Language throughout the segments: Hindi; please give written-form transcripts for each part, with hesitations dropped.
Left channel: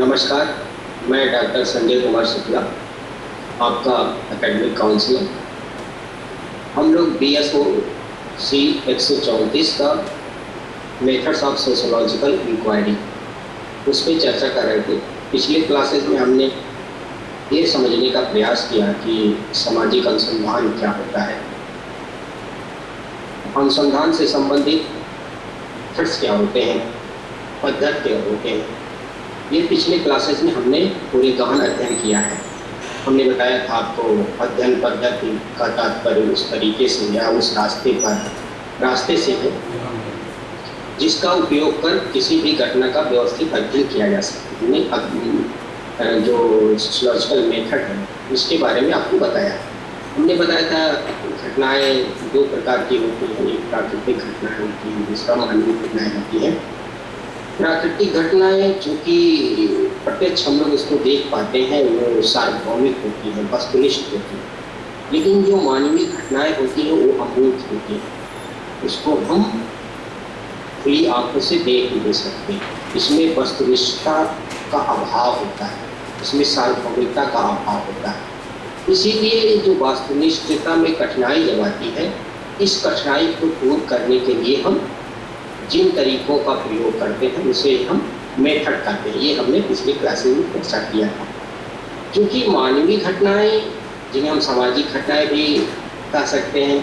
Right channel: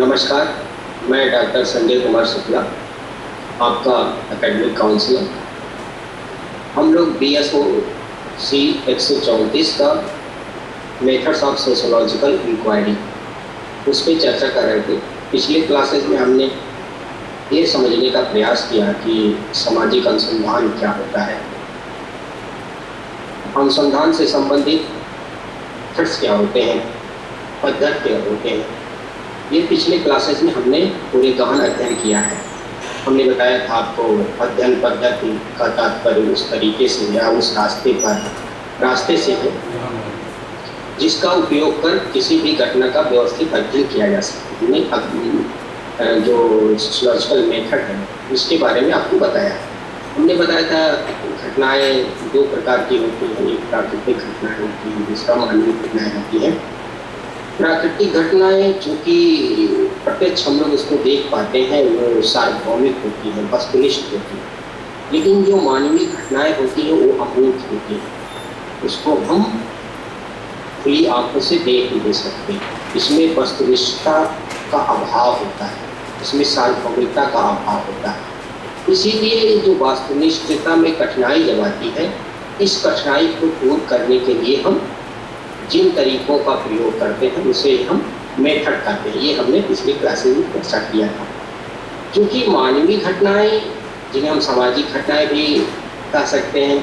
नमस्कार, मैं डॉक्टर संजय कुमार शुक्ला, आपका एकेडमिक काउंसलर। हम लोग BSO C 134 का मेथड्स ऑफ सोशोलॉजिकल इंक्वायरी उस पर चर्चा कर रहे थे। पिछले क्लासेस में हमने ये समझने का प्रयास किया कि सामाजिक अनुसंधान क्या होता है, अनुसंधान से संबंधित मेथड्स क्या होते हैं, पद्धति क्या होते हैं। ये पिछले क्लासेस में हमने पूरे गहन अध्ययन किया है। हमने बताया था आपको अध्ययन पद्धति का तात्पर्य उस तरीके से या उस रास्ते से है जिसका उपयोग कर किसी भी घटना का व्यवस्थित अध्ययन किया जा सकता है। जो सोशोलॉजिकल मेथड है उसके बारे में आपको बताया। हमने बताया था घटनाएं दो प्रकार की होती हैं, एक प्राकृतिक घटनाएं होती हैं, दूसरा मानवीय घटनाएं होती हैं। प्राकृतिक घटनाएं चूँकि प्रत्यक्ष हम लोग उसको देख पाते हैं, वो सार्वभौमिक होती है, वस्तुनिष्ठ होती है। लेकिन जो मानवीय घटनाएं होती हैं वो अमूर्त होती है, उसको हम खुली आंखों से देख नहीं सकते। इसमें वस्तुनिष्ठता का अभाव होता है, इसमें सार्वभौमिकता का अभाव होता है। इसीलिए जो वस्तुनिष्ठता में कठिनाई जब आती है, इस कठिनाई को दूर करने के लिए हम जिन तरीकों का प्रयोग करते हैं उसे हम मेथड कहते हैं। ये हमने पिछली क्लासेस में चर्चा किया था। क्योंकि मानवीय घटनाएं, जिन्हें हम सामाजिक घटनाएं भी कह सकते हैं,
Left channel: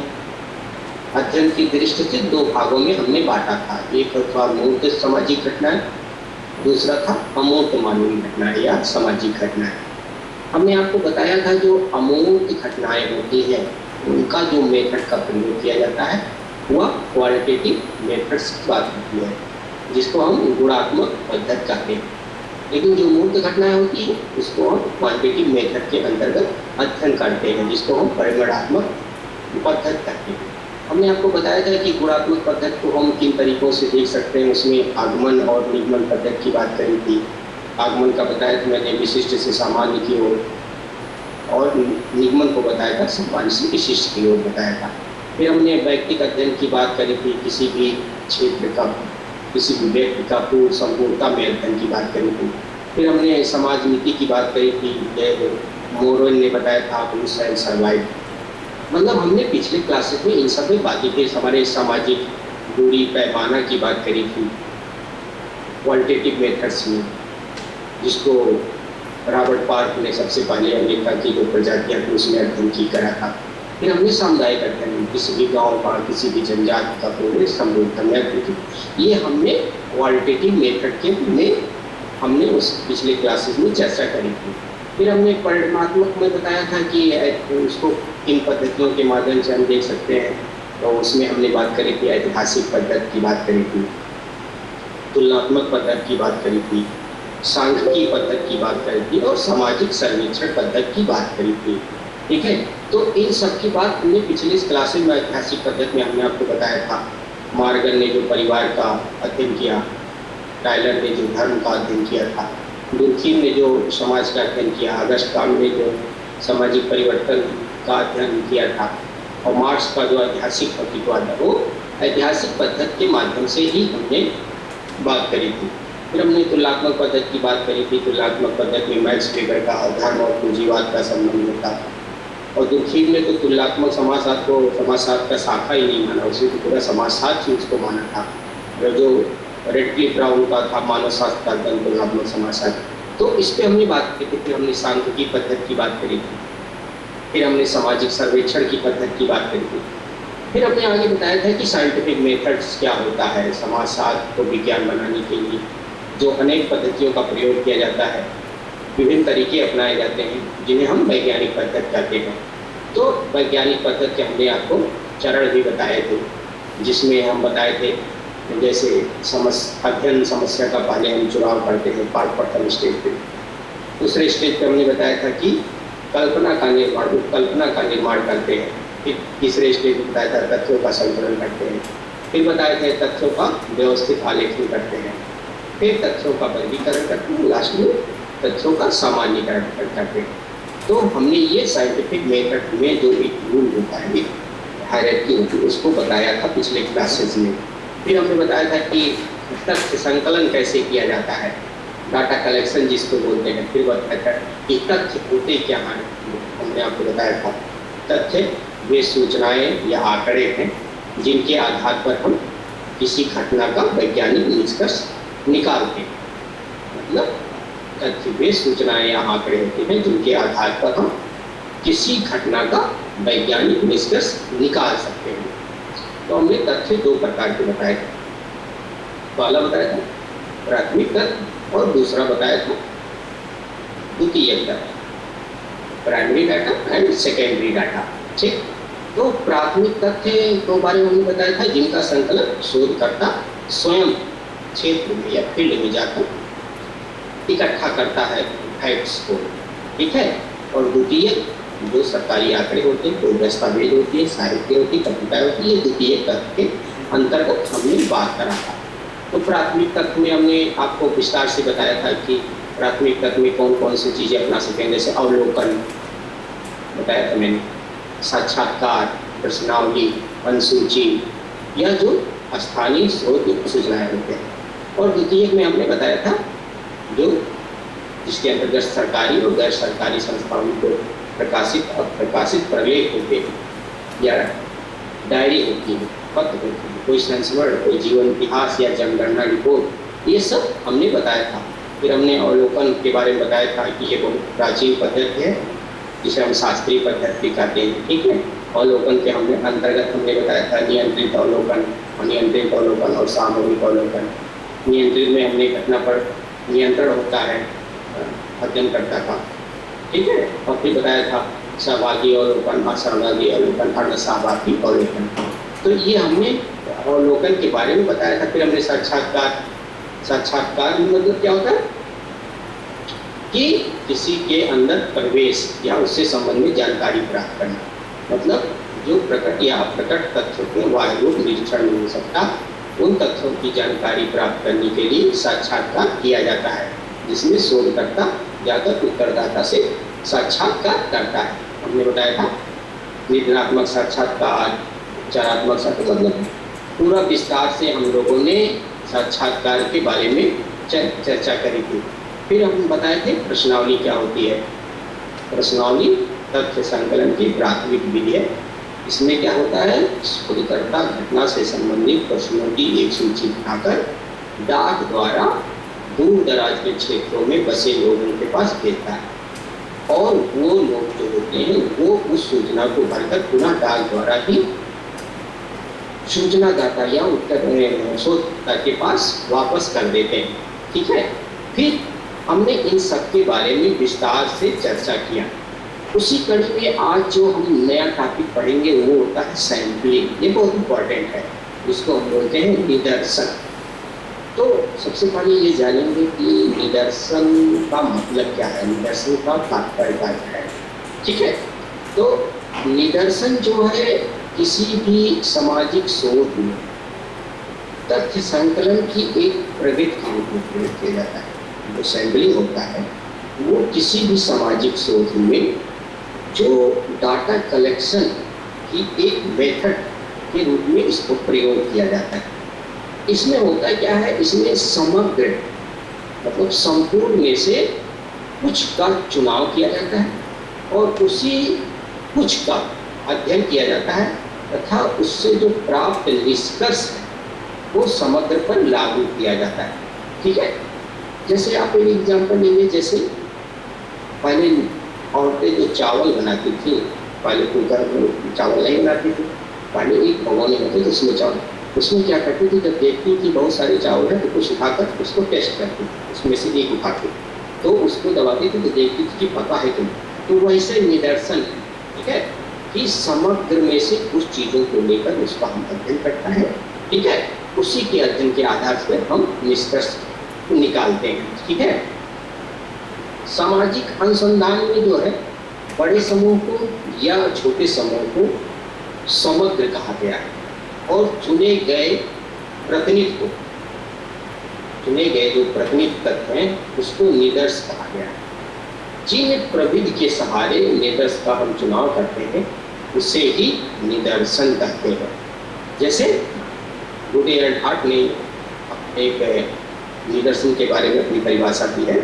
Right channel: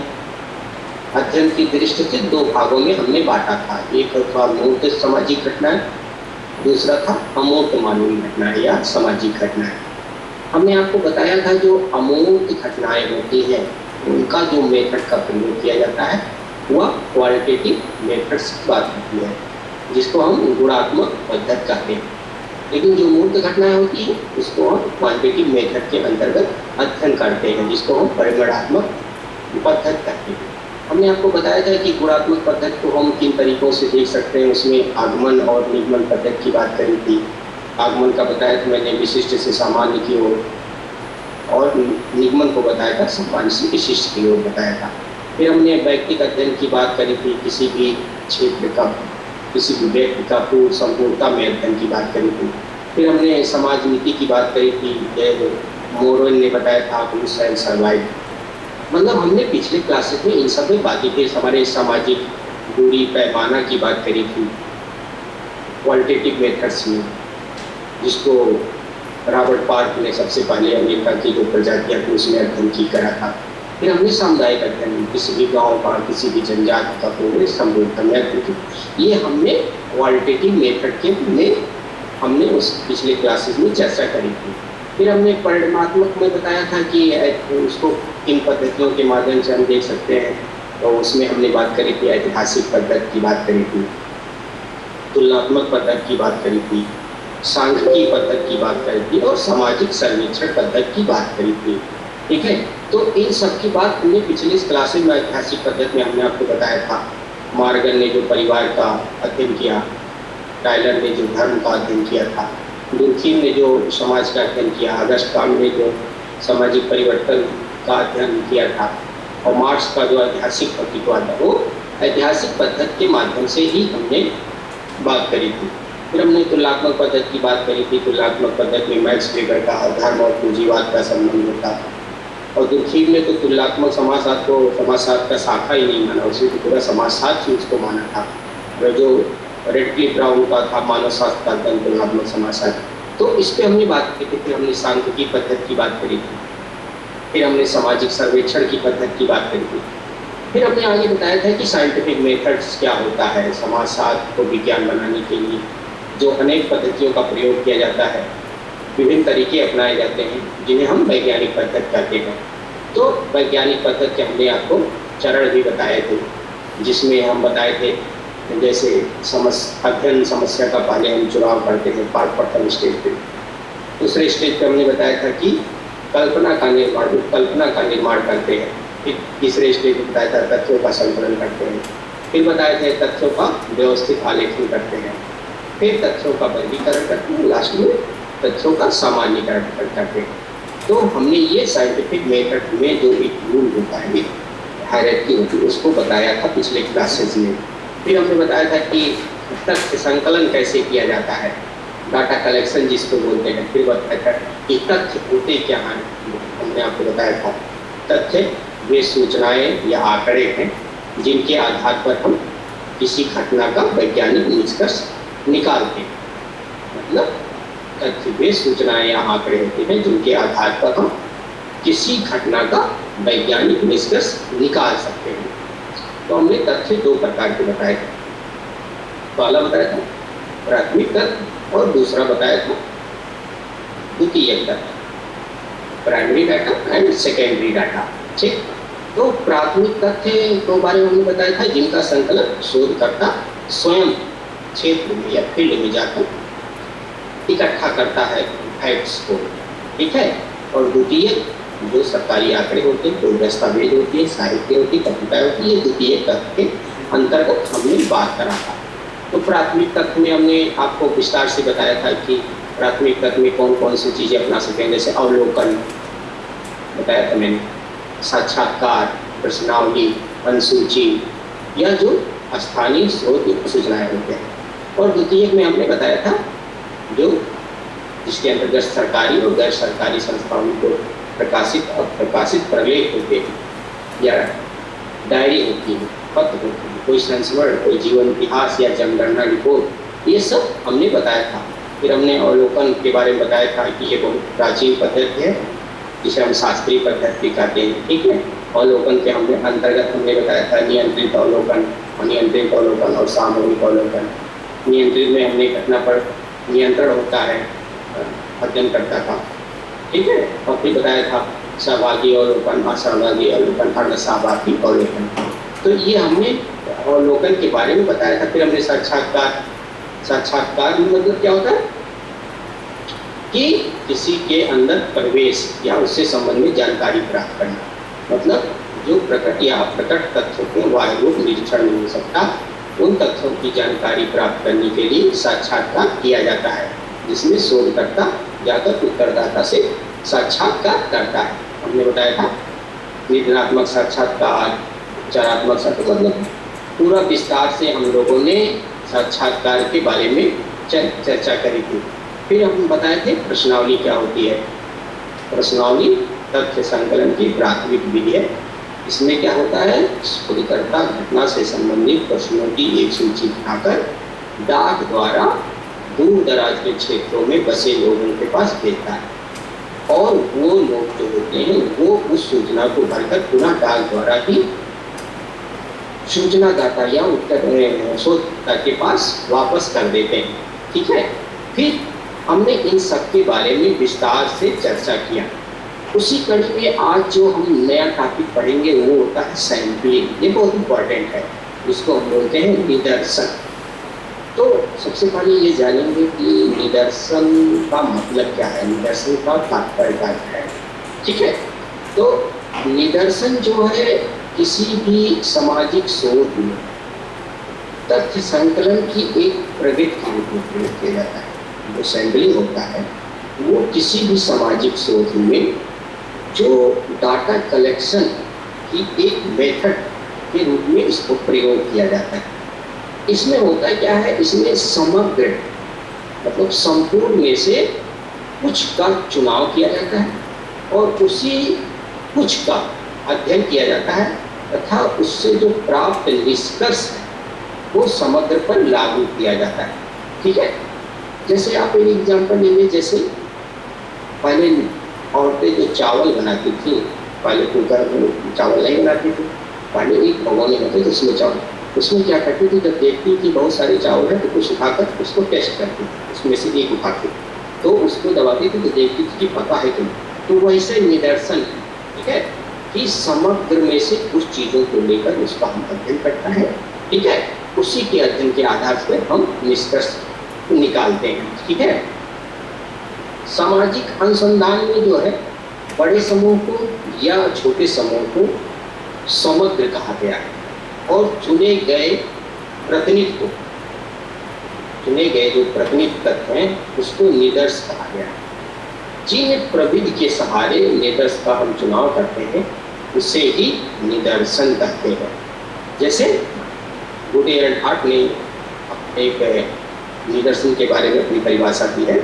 अध्ययन की दृष्टि से दो भागों में हमने बांटा था। एक था मूर्त सामाजिक घटनाएं, दूसरा था अमूर्त मानवीय घटनाएं या सामाजिक घटनाएं। हमने आपको बताया था जो अमूर्त घटनाएं होती हैं उनका जो मेथड का प्रयोग किया जाता है वह क्वालिटेटिव मेथड्स की बात होती है, जिसको हम गुणात्मक पद्धति कहते हैं। लेकिन जो मूर्त घटनाएं होती हैं उसको हम क्वांटिटेटिव मेथड के अंतर्गत अध्ययन करते हैं, जिसको हम परिमाणात्मक पद्धति कहते हैं। हमने आपको बताया था कि गुणात्मक पद्धति को हम किन तरीकों से देख सकते हैं। उसमें आगमन और निगमन पद्धति की बात करी थी। आगमन का बताया था मैंने विशिष्ट से सामान्य की ओर, और निगमन को बताया था सामान्य से विशिष्ट की ओर बताया था। फिर हमने व्यक्तिगत अध्ययन की बात करी थी, किसी भी क्षेत्र का, किसी भी व्यक्ति का पूर्ण संपूर्णता में अध्ययन की बात करी थी। फिर हमने समाज नीति की बात करी थी, मोरवेल ने बताया था पुरुष एंड सर्वाइव। मतलब हमने पिछले क्लासेस में इन सब में बातें थी। हमारे सामाजिक दूरी पैमाना की बात करी थी क्वालिटेटिव मेथड्स में, जिसको रॉबर्ट पार्क ने सबसे पहले अमेरिका की जो प्रजातियां थी उसमें अध्ययन की करा था। फिर हमने सामुदायिक अध्ययन, किसी भी गांव का, किसी भी जनजाति का पूरे संबोधन, ये हमने क्वालिटेटिव मेथड के में हमने उस पिछले क्लासेस में चर्चा करी थी। फिर हमने परिमाणात्मक में बताया था कि उसको किन पद्धतियों के माध्यम से हम देख सकते हैं। तो उसमें हमने बात करी थी ऐतिहासिक पद्धति की बात करी थी, तुलनात्मक पद्धति की बात करी थी, सांख्यिकी पद्धति की बात करी थी और सामाजिक सर्वेक्षण पद्धति की बात करी थी। ठीक है, तो इन सब की बात हमने पिछले क्लासेस में ऐतिहासिक पद्धति में हमने आपको बताया था। मार्गन ने जो परिवार का अध्ययन किया, टाइलर ने जो धर्म का अध्ययन किया था, दुर्खीम ने जो समाज का अध्ययन किया, अगस्टाम ने जो सामाजिक परिवर्तन का अध्ययन किया था, और मार्क्स का जो ऐतिहासिक प्रतीकवाद है वो ऐतिहासिक पद्धति के माध्यम से ही हमने बात करी थी। फिर हमने तुलनात्मक पद्धति की बात करी थी। तुलनात्मक पद्धति में मैक्स वेबर का धर्म और पूंजीवाद का संबंध होता था, और दुर्खीम ने तो तुलनात्मक समाजशास्त्र को समाजशास्त्र का शाखा ही नहीं माना, उसे तो पूरा समाजशास्त्र ही उसको माना था। और जो रेडक्लिफ ब्राउन का था मानव शास्त्र का अध्ययन तुलनात्मक समाजशास्त्र, तो इस पर हमने बात की थी। फिर हमने सांख्यिकी पद्धति की बात करी थी। फिर हमने सामाजिक सर्वेक्षण की पद्धति की बात करी थी। फिर हमने आगे बताया था कि साइंटिफिक मेथड्स क्या होता है। समाजशास्त्र को विज्ञान बनाने के लिए जो अनेक पद्धतियों का प्रयोग किया जाता है, विभिन्न तरीके अपनाए जाते हैं, जिन्हें हम वैज्ञानिक पद्धति कहते हैं। तो वैज्ञानिक पद्धति के हमने आपको चरण भी बताए थे, जिसमें हम बताए थे जैसे अध्ययन समस्या का पहले हम चुनाव करते हैं प्रथम स्टेज पे। दूसरे स्टेज पे हमने बताया था कि कल्पना का निर्माण करते हैं। फिर तीसरे स्टेज में बताया था तथ्यों का संकलन करते हैं। फिर बताए थे तथ्यों का व्यवस्थित आलेखन करते हैं। फिर तथ्यों का वर्गीकरण करते हैं, लास्ट में तथ्यों का सामान्यीकरण करते हैं। तो हमने ये साइंटिफिक मेथड में जो एक रूल होता है, हायरार्की होती है, उसको बताया था पिछले क्लासेस में। फिर हमने बताया था कि तथ्य संकलन कैसे किया जाता है, डाटा कलेक्शन जिसको बोलते हैं। फिर बताया था कि तथ्य होते क्या हैं, हमने आपको बताया था तथ्य वे सूचनाएं या आंकड़े हैं जिनके आधार पर हम किसी घटना का वैज्ञानिक निष्कर्ष निकालते हैं। मतलब तथ्य वे सूचनाएं या आंकड़े होते हैं जिनके आधार पर हम किसी घटना का वैज्ञानिक निष्कर्ष निकाल सकते हैं। तो हमने तथ्य दो प्रकार के बताए थे। पहला बताया था प्राथमिक तथ्य और दूसरा बताया था द्वितीयक तथ्य, primary data and secondary data. ठीक, तो प्राथमिक तथ्य के बारे में हमने बताया था जिनका संकलन शोधकर्ता स्वयं क्षेत्र में या फील्ड में जाकर इकट्ठा करता है फैक्ट्स को। ठीक है, और द्वितीयक जो सरकारी आंकड़े होते हैं, कोई दस्तावेज होती है, साहित्य होती है, पत्रिका होती है, द्वितीयक तथ्य के अंतर्गत हमने बात करा था। तो प्राथमिक तथ्य में हमने आपको विस्तार से बताया था कि प्राथमिक तथ्य में कौन कौन सी चीज़ें अपना सकें, जैसे अवलोकन बताया था मैंने, साक्षात्कार, प्रश्नावली, अनुसूची या जो स्थानीय स्रोत सूचनाएं होते हैं। और द्वितीयक में हमने बताया था जो जिसके अंतर्गत सरकारी और गैर सरकारी संस्थाओं को प्रकाशित और प्रकाशित प्रलेख होते हैं या डायरी होती है, पत्र होती है, कोई संस्मरण, कोई जीवन इतिहास या जनगणना रिपोर्ट, ये सब हमने बताया था। फिर हमने अवलोकन के बारे में बताया था कि ये बहुत प्राचीन पद्धति है जिसे हम शास्त्रीय पद्धति कहते हैं। ठीक है, अवलोकन के हमने अंतर्गत हमने बताया था नियंत्रित अवलोकन, अनियंत्रित अवलोकन और सामूहिक अवलोकन। नियंत्रित में हमने घटना पर नियंत्रण होता है अध्ययन करता था। ठीक है, और फिर बताया था सहभागी अवलोकन, असहभागी अवलोकन, अर्धसहभागी अवलोकन। तो ये हमने अवलोकन के बारे में बताया था। फिर हमने साक्षात्कार, साक्षात्कार मतलब क्या होता है कि किसी के अंदर प्रवेश या उससे संबंधित जानकारी प्राप्त करना, मतलब जो प्रकट या अप्रकट तथ्यों के बाह्य रूप निरीक्षण नहीं हो सकता, उन तथ्यों की जानकारी प्राप्त करने के लिए साक्षात्कार किया जाता है, जिसमें शोधकर्ता जाकर उत्तरदाता से साक्षात्कार करता है। हमने बताया था निदानात्मक साक्षात्कार, उपचारात्मक साक्षात्कार, मतलब पूरा विस्तार से हम लोगों ने साक्षात्कार के बारे में चर्चा करी थी। फिर हम बताए थे प्रश्नावली क्या होती है। प्रश्नावली तथ्य संकलन की प्राथमिक विधि है। इसमें क्या होता है, शोधकर्ता घटना से संबंधित प्रश्नों की एक सूची बनाकर डाक द्वारा दूर दराज के क्षेत्रों में बसे लोगों के पास भेजता है, और वो लोग जो होते हैं वो उस सूचना को भरकर पुनः डाक द्वारा ही सूचनादाता या उत्तर शोधकर्ता के पास वापस कर देते हैं। ठीक है, फिर हमने इन सब के बारे में विस्तार से चर्चा किया। उसी कड़ी में आज जो हम नया टॉपिक पढ़ेंगे वो होता है सैंपलिंग। ये बहुत इम्पोर्टेंट है, इसको हम बोलते हैं निदर्शन। तो सबसे पहले ये जानेंगे कि निदर्शन का मतलब क्या है, निदर्शन का तात्पर्य क्या है। ठीक है, तो निदर्शन जो है किसी भी सामाजिक शोध में तथ्य संकलन की एक प्रगति के रूप में प्रयोग किया जाता है। जो सैंपलिंग होता है वो किसी भी सामाजिक शोध में जो डाटा कलेक्शन की एक मेथड के रूप में इसको प्रयोग किया जाता है। इसमें होता क्या है, इसमें समग्र मतलब संपूर्ण में से कुछ का चुनाव किया जाता है और उसी कुछ का अध्ययन किया जाता है तथा उससे जो प्राप्त निष्कर्ष है वो समग्र पर लागू किया जाता है। ठीक है, जैसे आप एक एग्जाम्पल लेंगे, जैसे पहले औरतें जो चावल बनाती थी, पहले कुकर में चावल नहीं बनाती थी, पहले एक भगोने होते थे उसमें चावल, उसमें क्या करती थी, जब देखती थी बहुत सारे चावल है तो कुछ उठाकर उसको टेस्ट करती थी, उसमें से एक उठाती तो उसको दबाती थी तो देखती थी कि पता है कि नहीं। तो वैसे निदर्शन है, ठीक है, कि समग्र में से कुछ चीज़ों को लेकर उसका हम अध्ययन करता है। ठीक है, उसी के अध्ययन के आधार पर हम निष्कर्ष निकालते हैं। ठीक है, सामाजिक अनुसंधान में जो है बड़े समूह को या छोटे समूह को समग्र कहा गया है और चुने गए जो प्रतिनिधि तत्व हैं उसको निदर्श कहा गया है। जिन प्रविधि के सहारे निदर्श का हम चुनाव करते हैं उसे ही निदर्शन कहते हैं। जैसे गुड एंड हार्ट ने एक निदर्शन के बारे में अपनी परिभाषा दी है।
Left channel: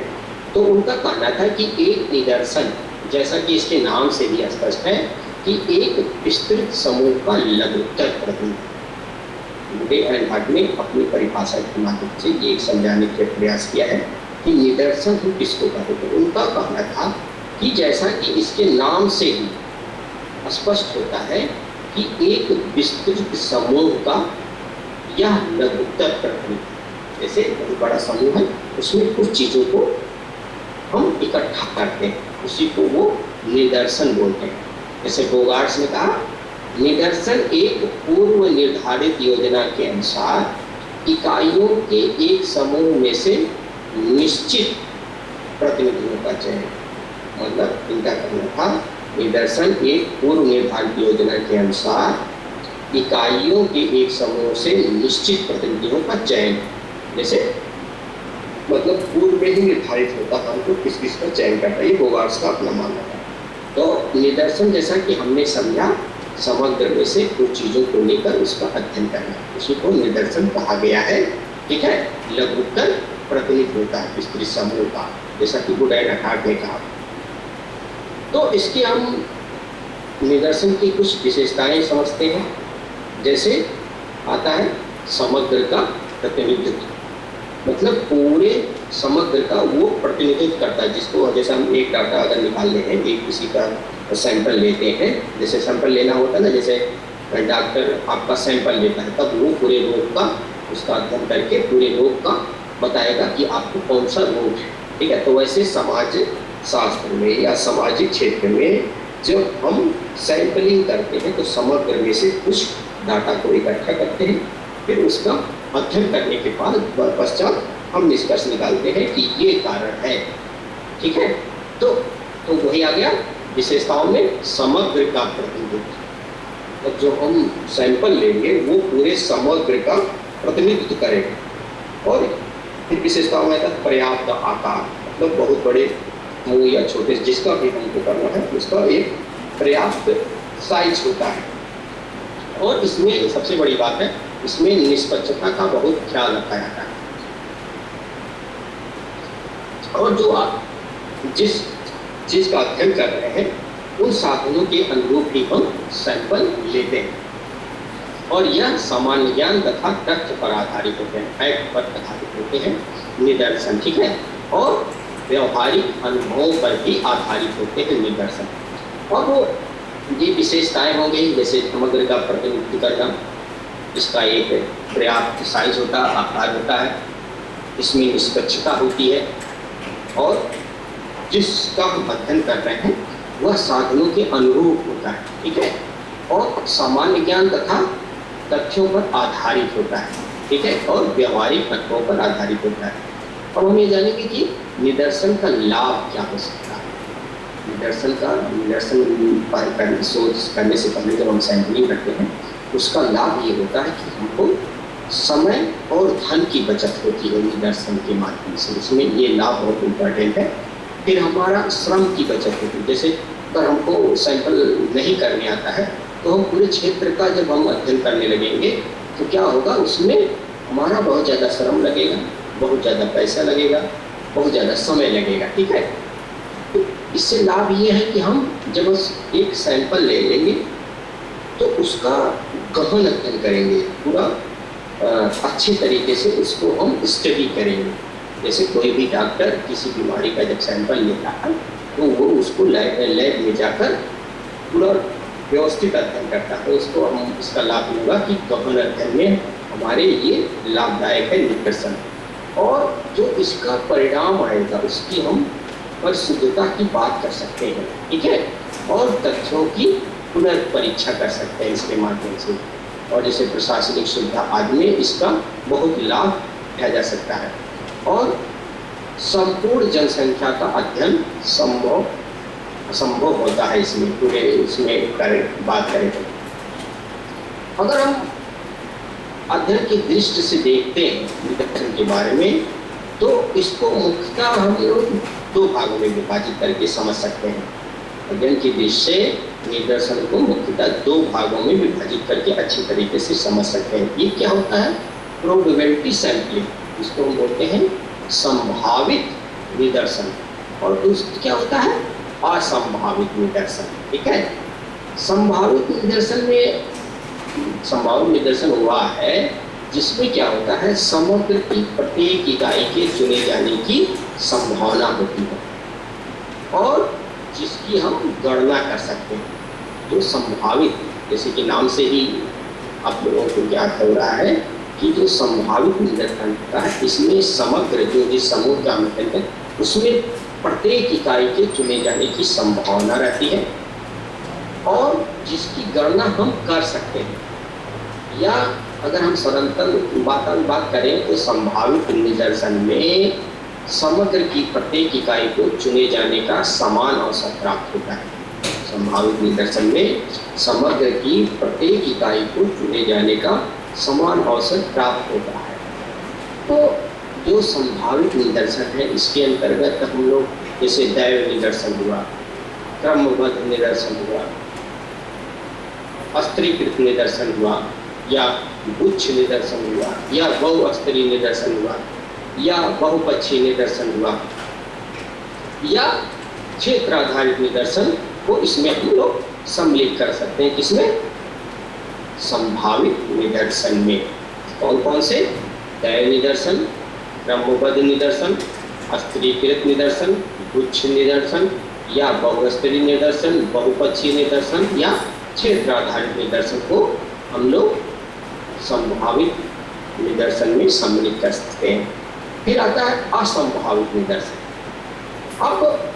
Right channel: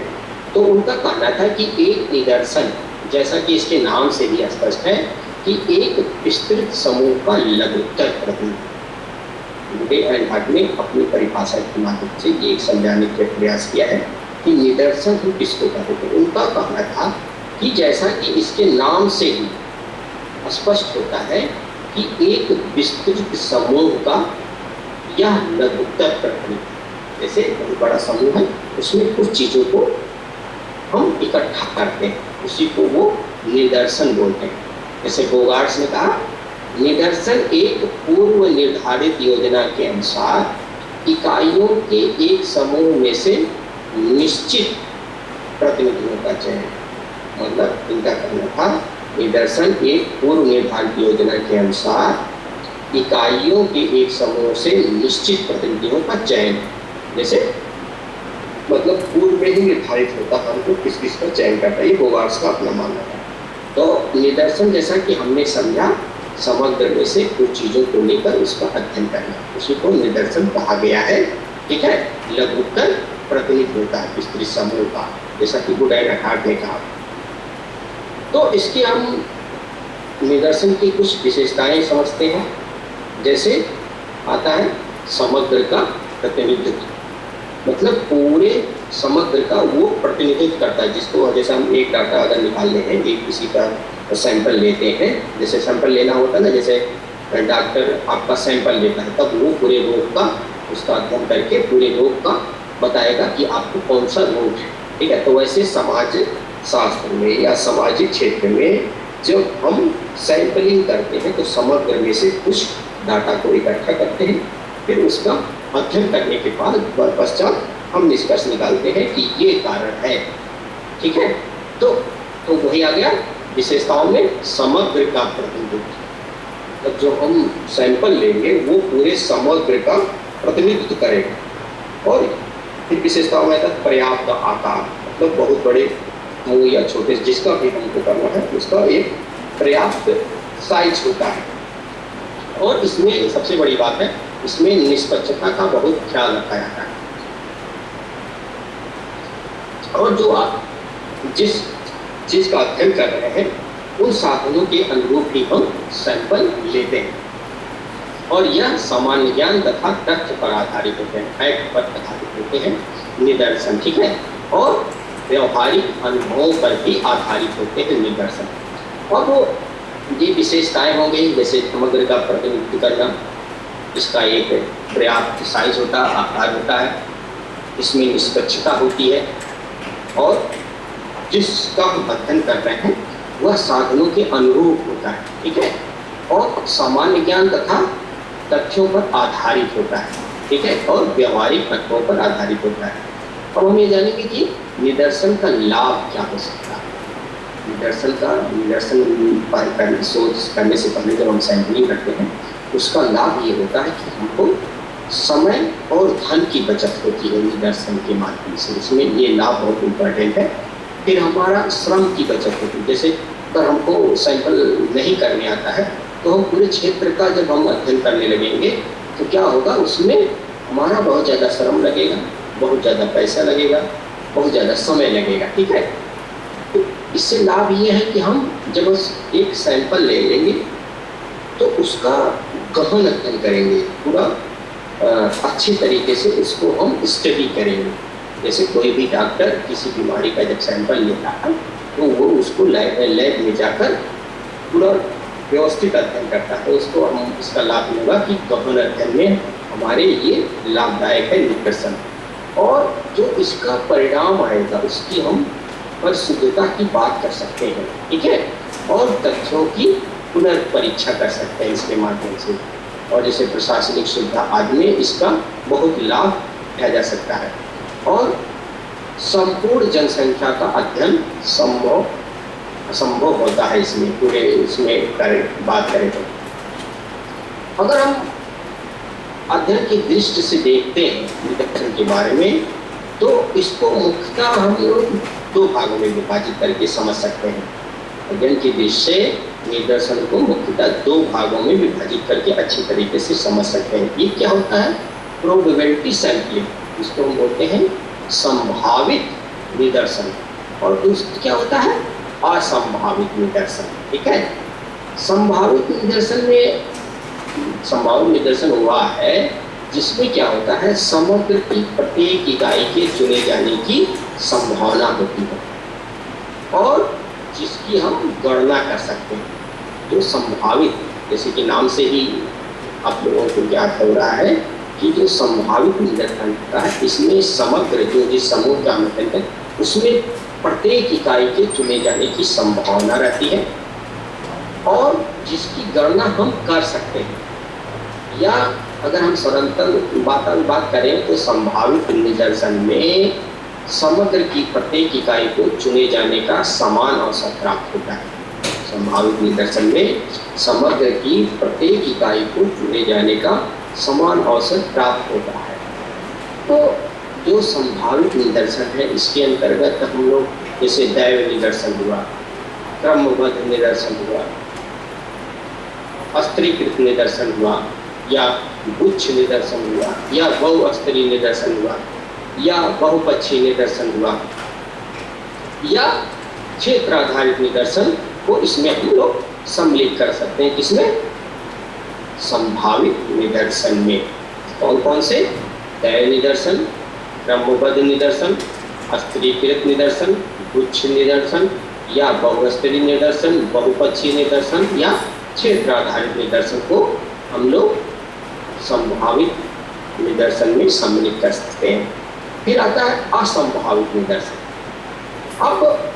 तो उनका कहना था कि एक निदर्शन, जैसा कि इसके नाम से भी स्पष्ट है, कि एक विस्तृत समूह का लघुत्तर प्रतिनिधित्व। डे एंड हट ने अपनी परिभाषा के माध्यम से ये समझाने का प्रयास किया है कि निदर्शन हम किसको कहते हैं। उनका कहना था कि जैसा कि इसके नाम से ही स्पष्ट होता है कि एक विस्तृत समूह का यह लघुत्तर प्रतिनिधित्व, जैसे बहुत बड़ा समूह है, उसमें कुछ चीज़ों को हम इकट्ठा करते हैं, उसी को वो निदर्शन बोलते हैं। जैसे बोगार्ट्स ने कहा, निदर्शन एक पूर्व निर्धारित योजना के अनुसार इकाइयों के एक समूह में से निश्चित प्रतिनिधियों का चयन। मतलब इनका कहना था निदर्शन एक पूर्व निर्धारित योजना के अनुसार इकाइयों के एक समूह से निश्चित प्रतिनिधियों का चयन। जैसे मतलब पूर्व में ही निर्धारित होता है हमको किस किस का चयन करता है, ये बोगार्ट्स का अपना मानना था। तो निदर्शन जैसा कि हमने समझा, समग्र में से कुछ चीज़ों को लेकर उसका अध्ययन करना, उसी को निदर्शन कहा गया है। ठीक है, लघुत्तर प्रतिनिधित्व होता है विस्तृत समूह का, जैसा कि गुड एंड हार्ट ने कहा। तो इसके हम निदर्शन की कुछ विशेषताएं समझते हैं। जैसे आता है समग्र का प्रतिनिधित्व, मतलब पूरे समग्र का वो प्रतिनिधित्व करता है, जिसको जैसे हम एक डाटा अगर निकाल रहे हैं, एक किसी का सैंपल लेते हैं, जैसे सैंपल लेना होता है ना, जैसे डॉक्टर आपका सैंपल लेता है, तब वो पूरे रोग का उसका अध्ययन करके पूरे रोग का बताएगा कि आपको कौन सा रोग है। ठीक है, तो वैसे समाज शास्त्र में या सामाजिक क्षेत्र में जब हम सैंपलिंग करते हैं तो समग्र में से कुछ डाटा को इकट्ठा करते हैं, फिर उसका अध्ययन करने के बाद पश्चात हम निष्कर्ष निकालते हैं कि ये कारण है। ठीक है, तो वही आ गया विशेषताओं में समग्र का प्रतिनिधित्व। तो जो हम सैंपल लेंगे वो पूरे समग्र का प्रतिनिधित्व करेगा। और फिर विशेषताओं में पर्याप्त आकार, मतलब बहुत बड़े मुँह या छोटे जिसका भी हमको करना है उसका एक पर्याप्त साइज होता है। और इसमें सबसे बड़ी बात है, इसमें निष्पक्षता का बहुत ख्याल रखा जाता है। और जो आप जिस चीज़ का अध्ययन कर रहे हैं उन साधनों के अनुरूप ही हम सैंपल लेते हैं। और यह सामान्य ज्ञान तथा तथ्य पर आधारित होते हैं, फैक्ट पर आधारित होते हैं निदर्शन। ठीक है, और व्यवहारिक अनुभवों पर भी आधारित होते हैं निदर्शन। और वो ये विशेषताएं हो गई, जैसे समग्र का प्रतिनिधित्व करना, इसका एक पर्याप्त साइज होता आकार होता है, इसमें निष्पक्षता होती है, और जिसका हम अध्ययन कर रहे हैं वह साधनों के अनुरूप होता है। ठीक है, और सामान्य ज्ञान तथा तथ्यों पर आधारित होता है। ठीक है, और व्यवहारिक अनुभवों पर आधारित होता है। अब हम ये जानेंगे कि निदर्शन का लाभ क्या हो सकता है। निदर्शन शोध करने से पहले जब हम सैंपलिंग करते हैं उसका लाभ ये होता है कि हमको समय और धन की बचत होती है निदर्शन के माध्यम से, इसमें ये लाभ बहुत इम्पोर्टेंट है। फिर हमारा श्रम की बचत होती है, जैसे अगर हमको सैंपल नहीं करने आता है तो हम पूरे क्षेत्र का जब हम अध्ययन करने लगेंगे तो क्या होगा, उसमें हमारा बहुत ज़्यादा श्रम लगेगा, बहुत ज़्यादा पैसा लगेगा, बहुत ज़्यादा समय लगेगा। ठीक है, तो इससे लाभ ये है कि हम जब एक सैंपल ले लेंगे तो उसका गहन अध्ययन करेंगे, पूरा अच्छे तरीके से उसको हम स्टडी करेंगे। जैसे कोई भी डॉक्टर किसी बीमारी का जब सैंपल लेता है तो वो उसको लैब में जाकर पूरा व्यवस्थित अध्ययन करता है। तो उसको हम इसका लाभ होगा कि गहन अध्ययन में हमारे ये लाभदायक है निदर्शन। और जो इसका परिणाम आएगा उसकी हम परिशुद्धता की बात कर सकते हैं। ठीक है, और तथ्यों की पुनर्परीक्षा कर सकते हैं इसके माध्यम से। और जैसे प्रशासनिक सुविधा आदि में इसका बहुत लाभ लिया जा सकता है। और संपूर्ण जनसंख्या का अध्ययन संभव होता है इसमें, पूरे इसमें बात करें तो। अगर हम अध्ययन की दृष्टि से देखते हैं निदर्शन के बारे में तो इसको मुख्यतः हम लोग दो भागों में विभाजित करके समझ सकते हैं। अध्ययन की दृष्टि से निदर्शन को मुख्यतः दो भागों में विभाजित करके अच्छी तरीके से समझ सकते हैं। ये क्या होता है, प्रोबेबिलिटी सैंपलिंग इसको हम बोलते हैं संभावित निदर्शन। और दूसरा क्या होता है? असंभावित निदर्शन। ठीक है, संभावित निदर्शन में संभावित निदर्शन हुआ है जिसमें क्या होता है, समग्र की प्रत्येक इकाई के चुने जाने की संभावना होती है और जिसकी हम गणना कर सकते हैं। जो संभावित, जैसे कि नाम से ही आप लोगों को ज्ञात हो रहा है कि जो संभावित निदर्शन होता है, इसमें समग्र जो जिस समूह का मतलब है उसमें प्रत्येक इकाई के चुने जाने की संभावना रहती है और जिसकी गणना हम कर सकते हैं। या अगर हम सरलतल बात करें तो संभावित निदर्शन में समग्र की प्रत्येक इकाई को चुने जाने का समान अवसर प्राप्त होता है। संभावित निदर्शन में समग्र की प्रत्येक इकाई को चुने जाने का समान अवसर प्राप्त होता है। तो जो संभावित निदर्शन है इसके अंतर्गत हम लोग जैसे दैव निदर्शन हुआ, क्रमबद्ध निदर्शन हुआ, अस्त्रीकृत निदर्शन हुआ या गुच्छ निदर्शन हुआ या बहुस्तरीय निदर्शन हुआ या बहुपक्षीय निदर्शन हुआ या क्षेत्र आधारित निदर्शन को इसमें हम लोग सम्मिलित कर सकते हैं। किसमें? संभावित निदर्शन में। कौन कौन से? दैव निदर्शन, क्रमबद्ध निदर्शन, अस्त्रीकृत निदर्शन, गुच्छ निदर्शन या बहुस्तरीय निदर्शन, बहुपक्षीय निदर्शन या क्षेत्र आधारित निदर्शन को हम लोग संभावित निदर्शन में सम्मिलित कर सकते हैं। फिर आता है असंभावित निदर्शन। अब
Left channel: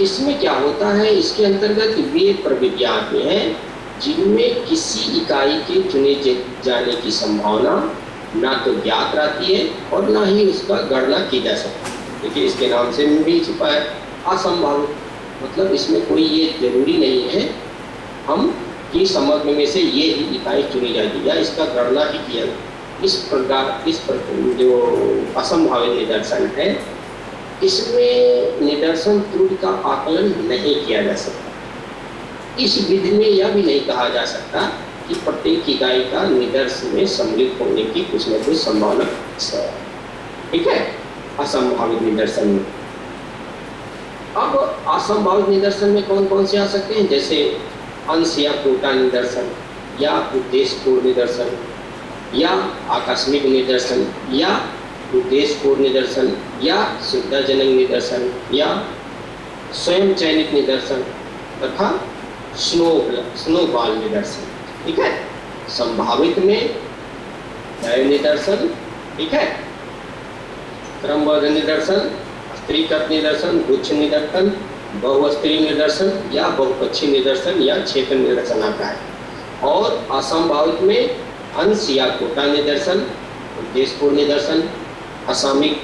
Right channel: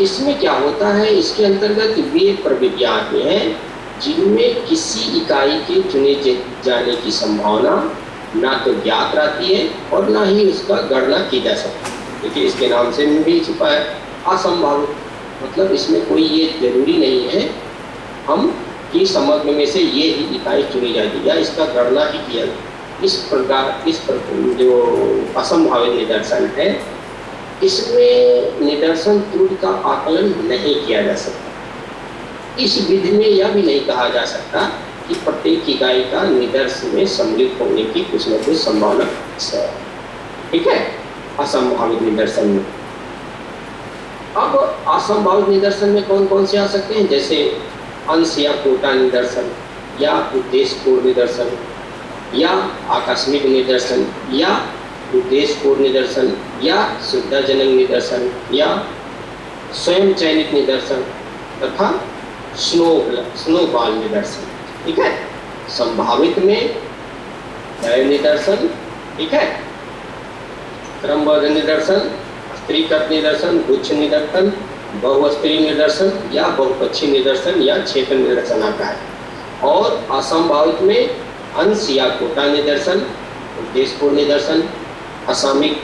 इसमें क्या होता है, इसके अंतर्गत वे प्रविधियां आती हैं जिनमें किसी इकाई के चुने जाने की संभावना ना तो ज्ञात रहती है और ना ही उसका गणना की जा सकती है। देखिए इसके नाम से भी छिपा है असंभावित, मतलब इसमें कोई ये जरूरी नहीं है हम कि समग्र में से ये ही इकाई चुनी जाएगी या इसका गणना ही किया। इस प्रकार जो असंभावित निदर्शन है इसमें निदर्शन त्रुटि का आकलन नहीं किया जा सकता। इस विधि में यह भी नहीं कहा जा सकता कि प्रत्येक इकाई का निदर्शन में सम्मिलित होने की कुछ न कुछ संभावना है। ठीक है, असंभावित निदर्शन में। अब असंभावित निदर्शन में कौन कौन से आ सकते हैं? जैसे अंश या कोटा निदर्शन या उद्देश्यपूर्ण निदर्शन या आकस्मिक निदर्शन या उद्देश्यपूर्ण निदर्शन या सुविधाजनक निदर्शन या स्वयं चयनित निदर्शन तथा स्नोबॉल निदर्शन। ठीक है, संभावित में दैव निदर्शन, ठीक है, क्रमबद्ध निदर्शन, अस्त्रीकृत निदर्शन, गुच्छ निदर्शन, बहुस्तरीय निदर्शन या बहुपक्षीय निदर्शन या क्षेत्र निदर्शन आता है। और असंभावित में अंश या कोटा निदर्शन, उद्देश्यपूर्ण निदर्शन, असामयिक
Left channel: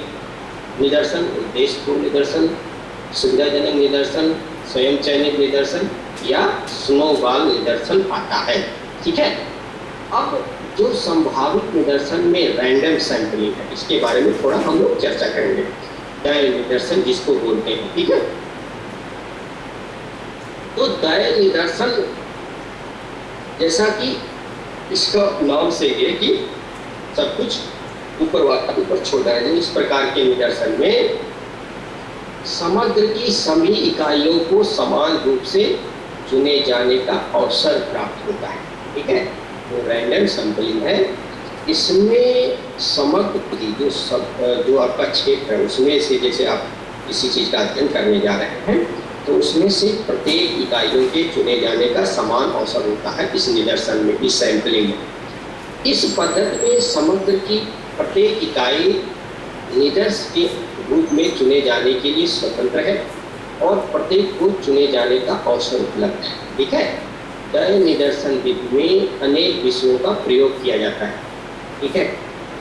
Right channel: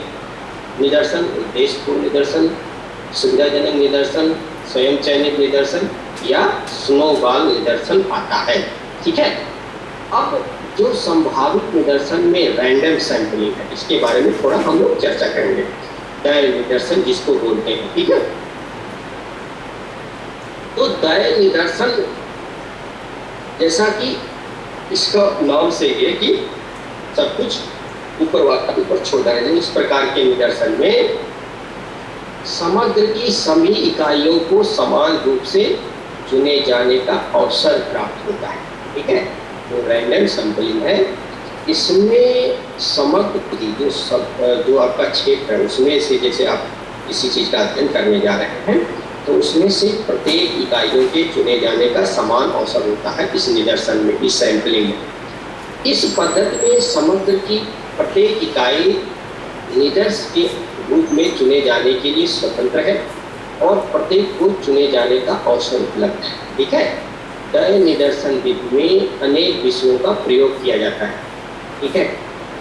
निदर्शन, उद्देश्यपूर्ण निदर्शन, सुविधाजनक निदर्शन, स्वयं चयनित निदर्शन या स्नोबॉल निदर्शन आता है। ठीक है, अब जो संभावित निदर्शन में रैंडम सैंपलिंग है इसके बारे में थोड़ा हम लोग चर्चा करेंगे। दैव निदर्शन जिसको बोलते हैं, ठीक है। तो दैव निदर्शन जैसा कि इसका नाम से है कि सब कुछ ऊपर छोड़ा है, इस प्रकार के निदर्शन में समग्र की सभी इकाइयों को समान रूप से चुने जाने का अवसर प्राप्त होता है। ठीक है, वो रैंडम सैंपलिंग है। इसमें समग्र की जो आपका क्षेत्र है उसमें से, जैसे आप किसी चीज़ का अध्ययन करने जा रहे हैं तो उसमें से प्रत्येक इकाइयों के चुने जाने का समान अवसर होता है इस निदर्शन में, इस सैंपलिंग में। इस पद्धति में समग्र की प्रत्येक इकाई निदर्श के रूप में चुने जाने के लिए स्वतंत्र है और प्रत्येक को चुने जाने का अवसर उपलब्ध है। ठीक है, दैव निदर्शन विधि में अनेक विषयों का प्रयोग किया जाता है। ठीक है,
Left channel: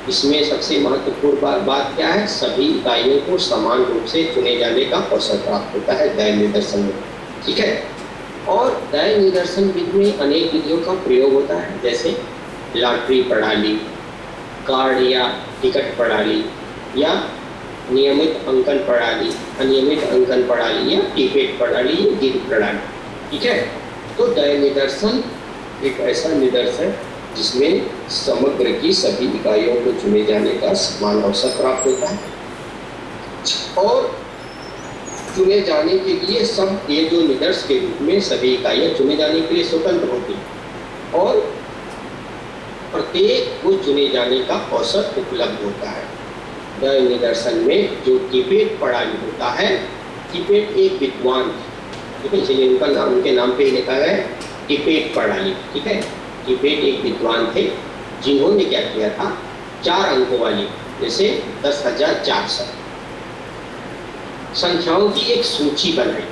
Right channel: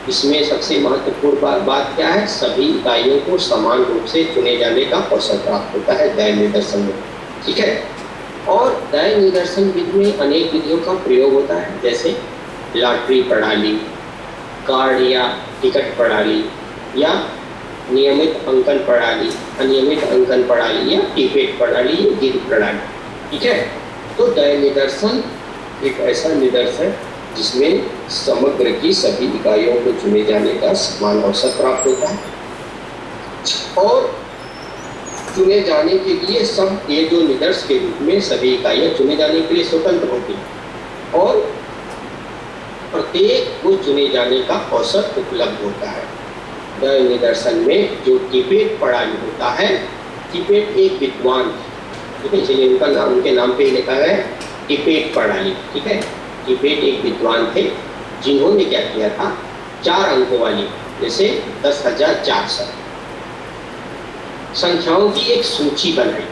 इसमें सबसे महत्वपूर्ण बात क्या है? सभी इकाइयों को समान रूप से चुने जाने का अवसर प्राप्त होता है दैव निदर्शन में। ठीक है, और दैव निदर्शन विधि में अनेक विधियों का प्रयोग होता है, जैसे लॉटरी प्रणाली, कार्ड या टिकट प्रणाली या नियमित अंकन प्रणाली, अनियमित अंकन प्रणाली या टिपेट प्रणाली या गिर प्रणाली। ठीक है, तो दैव निदर्शन एक ऐसा निदर्शन जिसमें समग्र की सभी इकाइयों को चुने जाने का समान अवसर प्राप्त होता है और चुने जाने के लिए सब ये जो निदर्श के रूप में सभी इकाइयां चुने जाने के लिए स्वतंत्र होती हैं और प्रत्येक को चुने जाने का अवसर उपलब्ध होता है। द निदर्शन में जो टिबेट प्रणाली होता है, टिबेट एक विद्वान, ठीक है, इसलिए उनका नाम उनके नाम पे ही लिखा है टिबेट प्रणाली, ठीक है। टिबेट एक विद्वान थे जिन्होंने क्या किया था, 4 अंकों वाली जैसे 10,400 संख्याओं की एक सूची बनाई,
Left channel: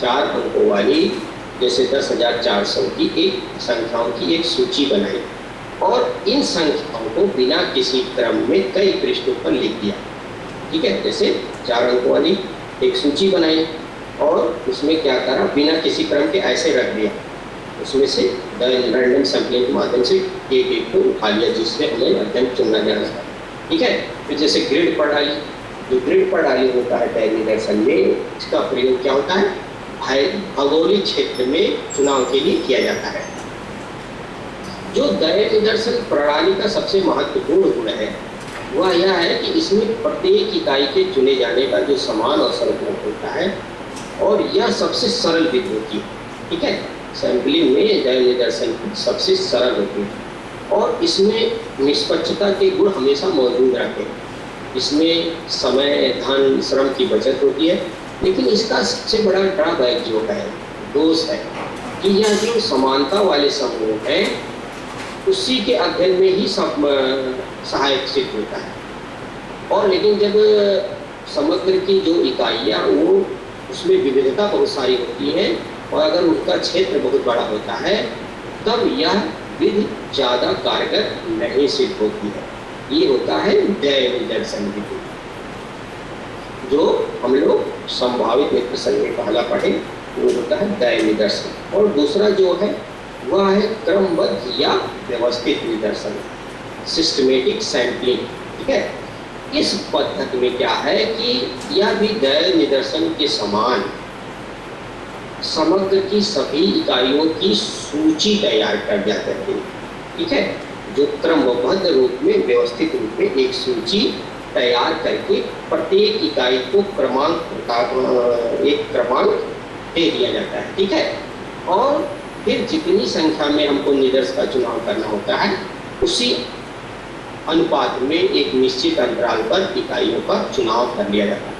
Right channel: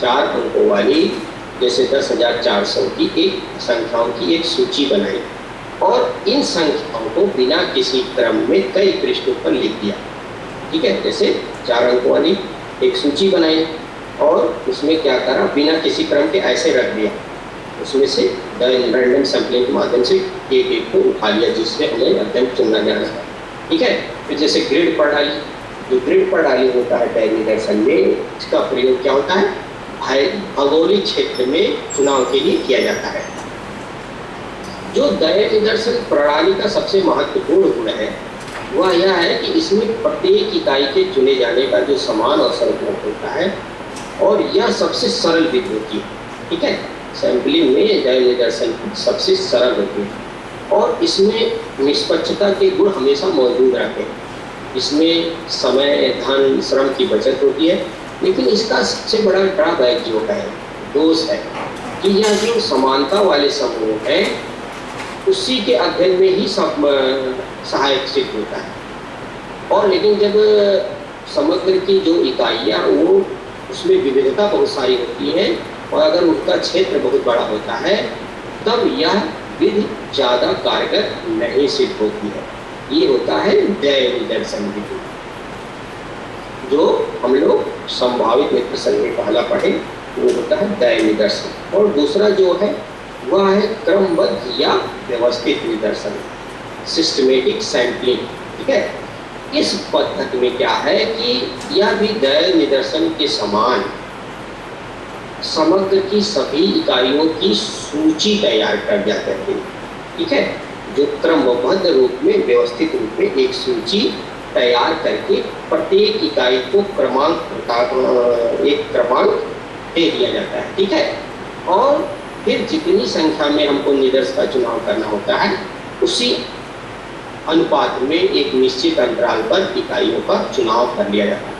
4 अंकों वाली जैसे 10,400 की एक संख्याओं की एक सूची बनाई और इन संख्याओं को बिना किसी क्रम में कई पृष्ठों पर लिख दिया, ठीक है। जैसे 4 अंकों वाली एक सूची बनाई और उसमें क्या करा, बिना किसी क्रम के ऐसे रख दिया, उसमें से रैंडम सैंपलिंग के माध्यम से एक एक को उठा लिया जिससे हमें अध्ययन चुनना जाना है, ठीक है। फिर जैसे ग्रिड प्रणाली, जो ग्रिड प्रणाली होता है द निदर्शन में, इसका प्रयोग क्या होता है, भौगोलिक क्षेत्र में चुनाव के लिए किया जाता है। जो द निदर्शन प्रणाली का सबसे महत्वपूर्ण गुण है वह यह है कि इसमें प्रत्येक इकाई के चुने जाने का जो समान अवसर उपलब्ध होता है और यह सबसे सरल विधि होती है, ठीक है। सैंपलिंग में द निदर्शन सबसे सरल होती है और इसमें निष्पक्षता के गुण हमेशा मौजूद रहते हैं। इसमें समय, धन, श्रम की बचत होती है, लेकिन इसका सबसे बड़ा ड्रॉबैक जो है, दोष है कि यह जो समानता वाले समूह है उसी के अध्ययन में ही सब सहायक सिद्ध होता है और लेकिन जब समग्र की जो इकाइयाँ वो उसमें विविधता बहुत सारी होती है और अगर उनका क्षेत्र बहुत बड़ा होता है तब यह विधि ज़्यादा कारगर नहीं सिद्ध होती है। ये होता है द निदर्शन विधि, जो हम लोग संभावित निदर्शन में पहला पढ़े वो होता है द निदर्शन और दूसरा जो है वह है क्रमबद्ध या व्यवस्थित निदर्शन, सिस्टमेटिक सैंपलिंग, ठीक है। इस पद्धति में क्या है कि यह भी द निदर्शन के समान समग्र की सभी इकाइयों की सूची तैयार कर दिया करती है, ठीक है, जो क्रमबद्ध रूप में व्यवस्थित रूप में एक सूची तैयार करके प्रत्येक इकाई को एक क्रमांक दे दिया जाता है, ठीक है। और फिर जितनी संख्या में हमको निदर्श का चुनाव करना होता है उसी अनुपात में एक निश्चित अंतराल पर इकाइयों का चुनाव कर लिया जाता है।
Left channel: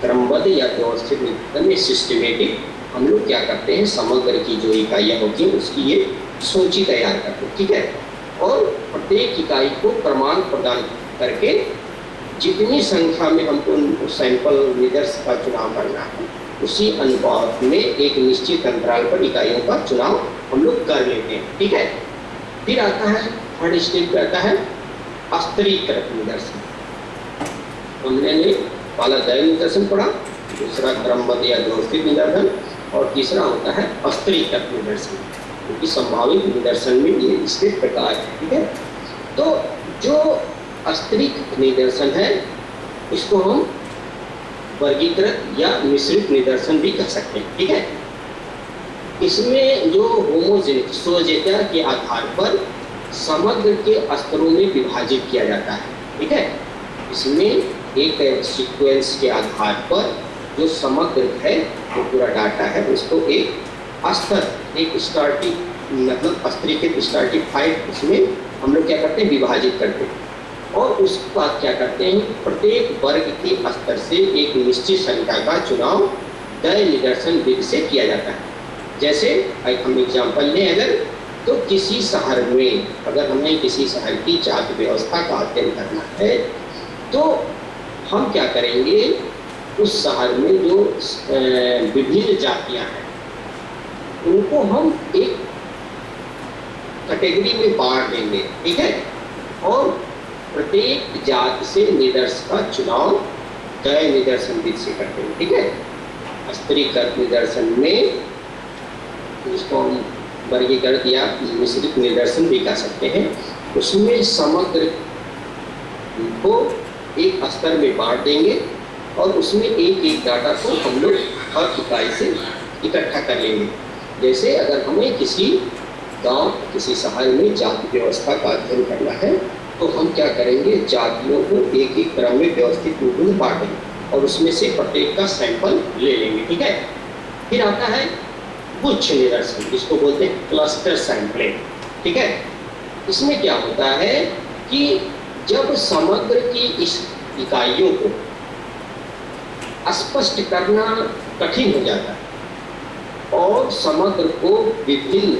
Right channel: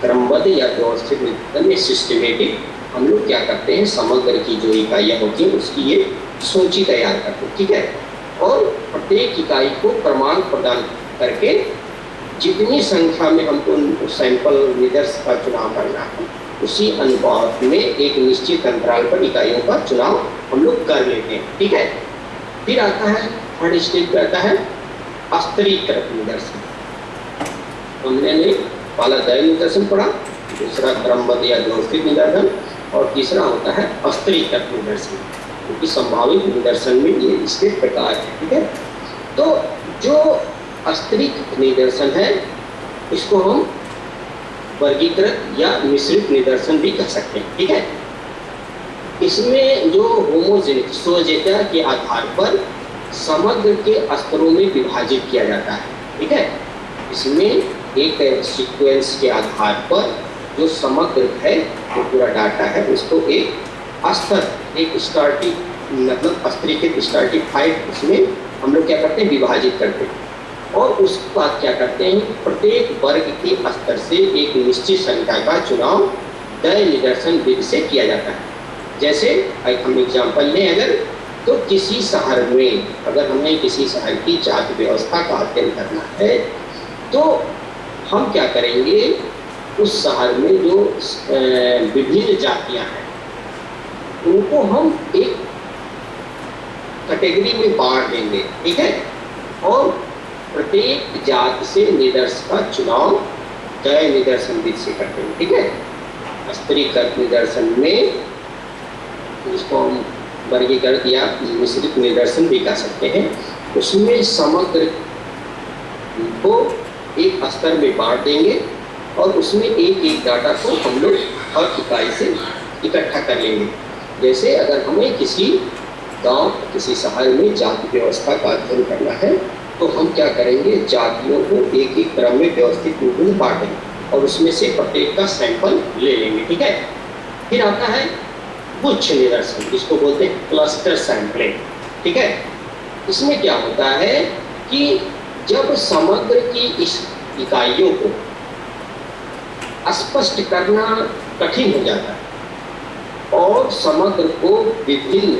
क्रमबद्ध या व्यवस्थित निदर्शन में सिस्टमेटिक हम लोग क्या करते हैं, समग्र की जो इकाइयाँ होती हैं उसकी ये सूची तैयार करते हैं, ठीक है, और प्रत्येक इकाई को क्रमांक प्रदान करके जितनी संख्या में हमको सैंपल निदर्श का चुनाव करना है उसी अनुपात में एक निश्चित अंतराल पर इकाइयों का चुनाव हम लोग कर लेते हैं, ठीक है। फिर आता है थर्ड स्टेज पे आता है स्तरीकृत निदर्शन। हमने पहला द निदर्शन पढ़ा, दूसरा क्रमबद्ध या व्यवस्थित निदर्शन और तीसरा होता है स्तरीकृत निदर्शन, क्योंकि संभावित निदर्शन में ये इसके प्रकार है, ठीक है। तो जो स्तरीकृत निदर्शन है इसको हम वर्गीकृत या मिश्रित निदर्शन भी कह सकते हैं, ठीक है। इसमें जो होमोजेनिक सोजेता के आधार पर समग्र के स्तरों में विभाजित किया जाता है, ठीक है। इसमें एक सीक्वेंस के आधार पर जो समग्र है जो पूरा डाटा है उसको एक स्तर, एक स्टार्टिंग मतलब स्तरीकृत स्टार्टिफाइड उसमें हम लोग क्या करते हैं, विभाजित करते हैं और उसके बाद क्या करते हैं, प्रत्येक वर्ग के स्तर से एक निश्चित संख्या का चुनाव द निदर्शन विधि से किया जाता है। जैसे हम एग्जाम्पल लें अगर, तो किसी शहर में अगर हमें किसी शहर की जाति व्यवस्था का अध्ययन करना है तो हम क्या करेंगे, उस शहर में जो विभिन्न जातियां हैं उनको हम एक कैटेगरी में बांट देंगे, ठीक है, और प्रत्येक जाति से निदर्श का चुनाव द निदर्शन विधि से करते हैं, ठीक है। स्तरीकृत निदर्शन में जिसको हम वर्गीकृत या मिश्रित निदर्शन भी कह सकते हैं, उसमें समग्र को एक स्तर में बांट देंगे और उसमें एक एक डाटा को हम लोग हर इकाई से इकट्ठा कर लेंगे। जैसे अगर हमें किसी गांव किसी शहर में जाति व्यवस्था का अध्ययन करना है तो हम क्या करेंगे, जातियों को एक एक क्रम में व्यवस्थित रूप में बांटेंगे और उसमें से प्रत्येक का सैंपल ले लेंगे। ठीक है। फिर आता है गुच्छ निदर्शन, जिसको बोलते हैं क्लस्टर सैंपलिंग। ठीक है। इसमें क्या होता है कि जब समग्र की इस इकाइयों को स्पष्ट करना कठिन हो जाता है और समग्र को विभिन्न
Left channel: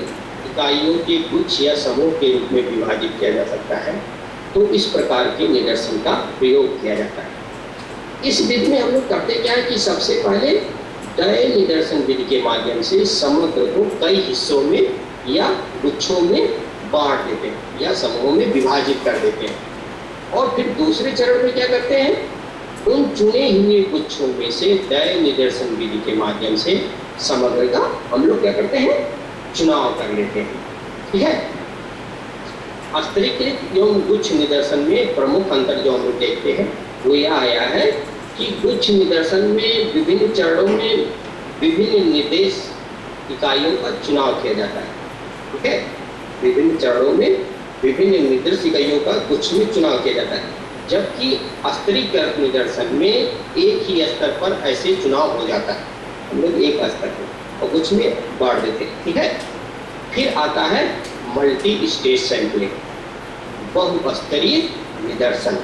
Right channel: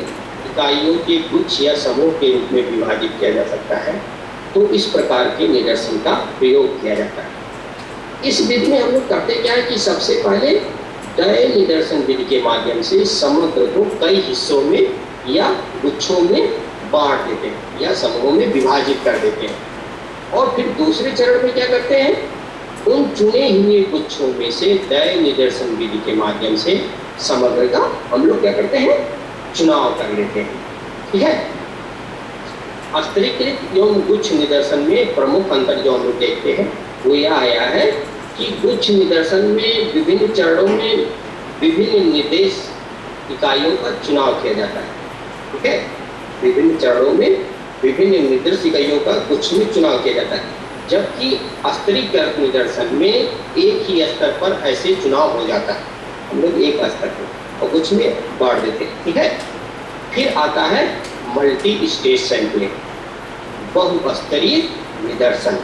इकाइयों के गुच्छ या समूह के रूप में विभाजित किया जा सकता है, तो इस प्रकार के निदर्शन का प्रयोग किया जाता है। इस विधि में हम लोग करते क्या है कि सबसे पहले दय निदर्शन विधि के माध्यम से समग्र को कई हिस्सों में या गुच्छों में बांट देते हैं या समूहों में विभाजित कर देते हैं और फिर दूसरे चरण में क्या करते हैं, उन चुने हुए गुच्छों में से दय निदर्शन विधि के माध्यम से समग्र का हम लोग क्या करते हैं, चुनाव कर लेते हैं। ठीक है। स्तरीकृत एवं गुच्छ निदर्शन में प्रमुख अंतर जो हम लोग देखते हैं वो यह आया है कि गुच्छ निदर्शन में विभिन्न चरणों में विभिन्न निर्देश इकाइयों का चुनाव किया जाता है। ठीक है। विभिन्न चरणों में विभिन्न निर्देश इकाइयों का गुच्छ में चुनाव किया जाता है, जबकि स्तरीकृत निदर्शन में एक ही स्तर पर ऐसे चुनाव हो जाता है। हम लोग एक स्तर पर और गुच्छ में बांट देते हैं। ठीक है। फिर आता है मल्टी स्टेज सैंपलिंग, बहुस्तरीय निदर्शन।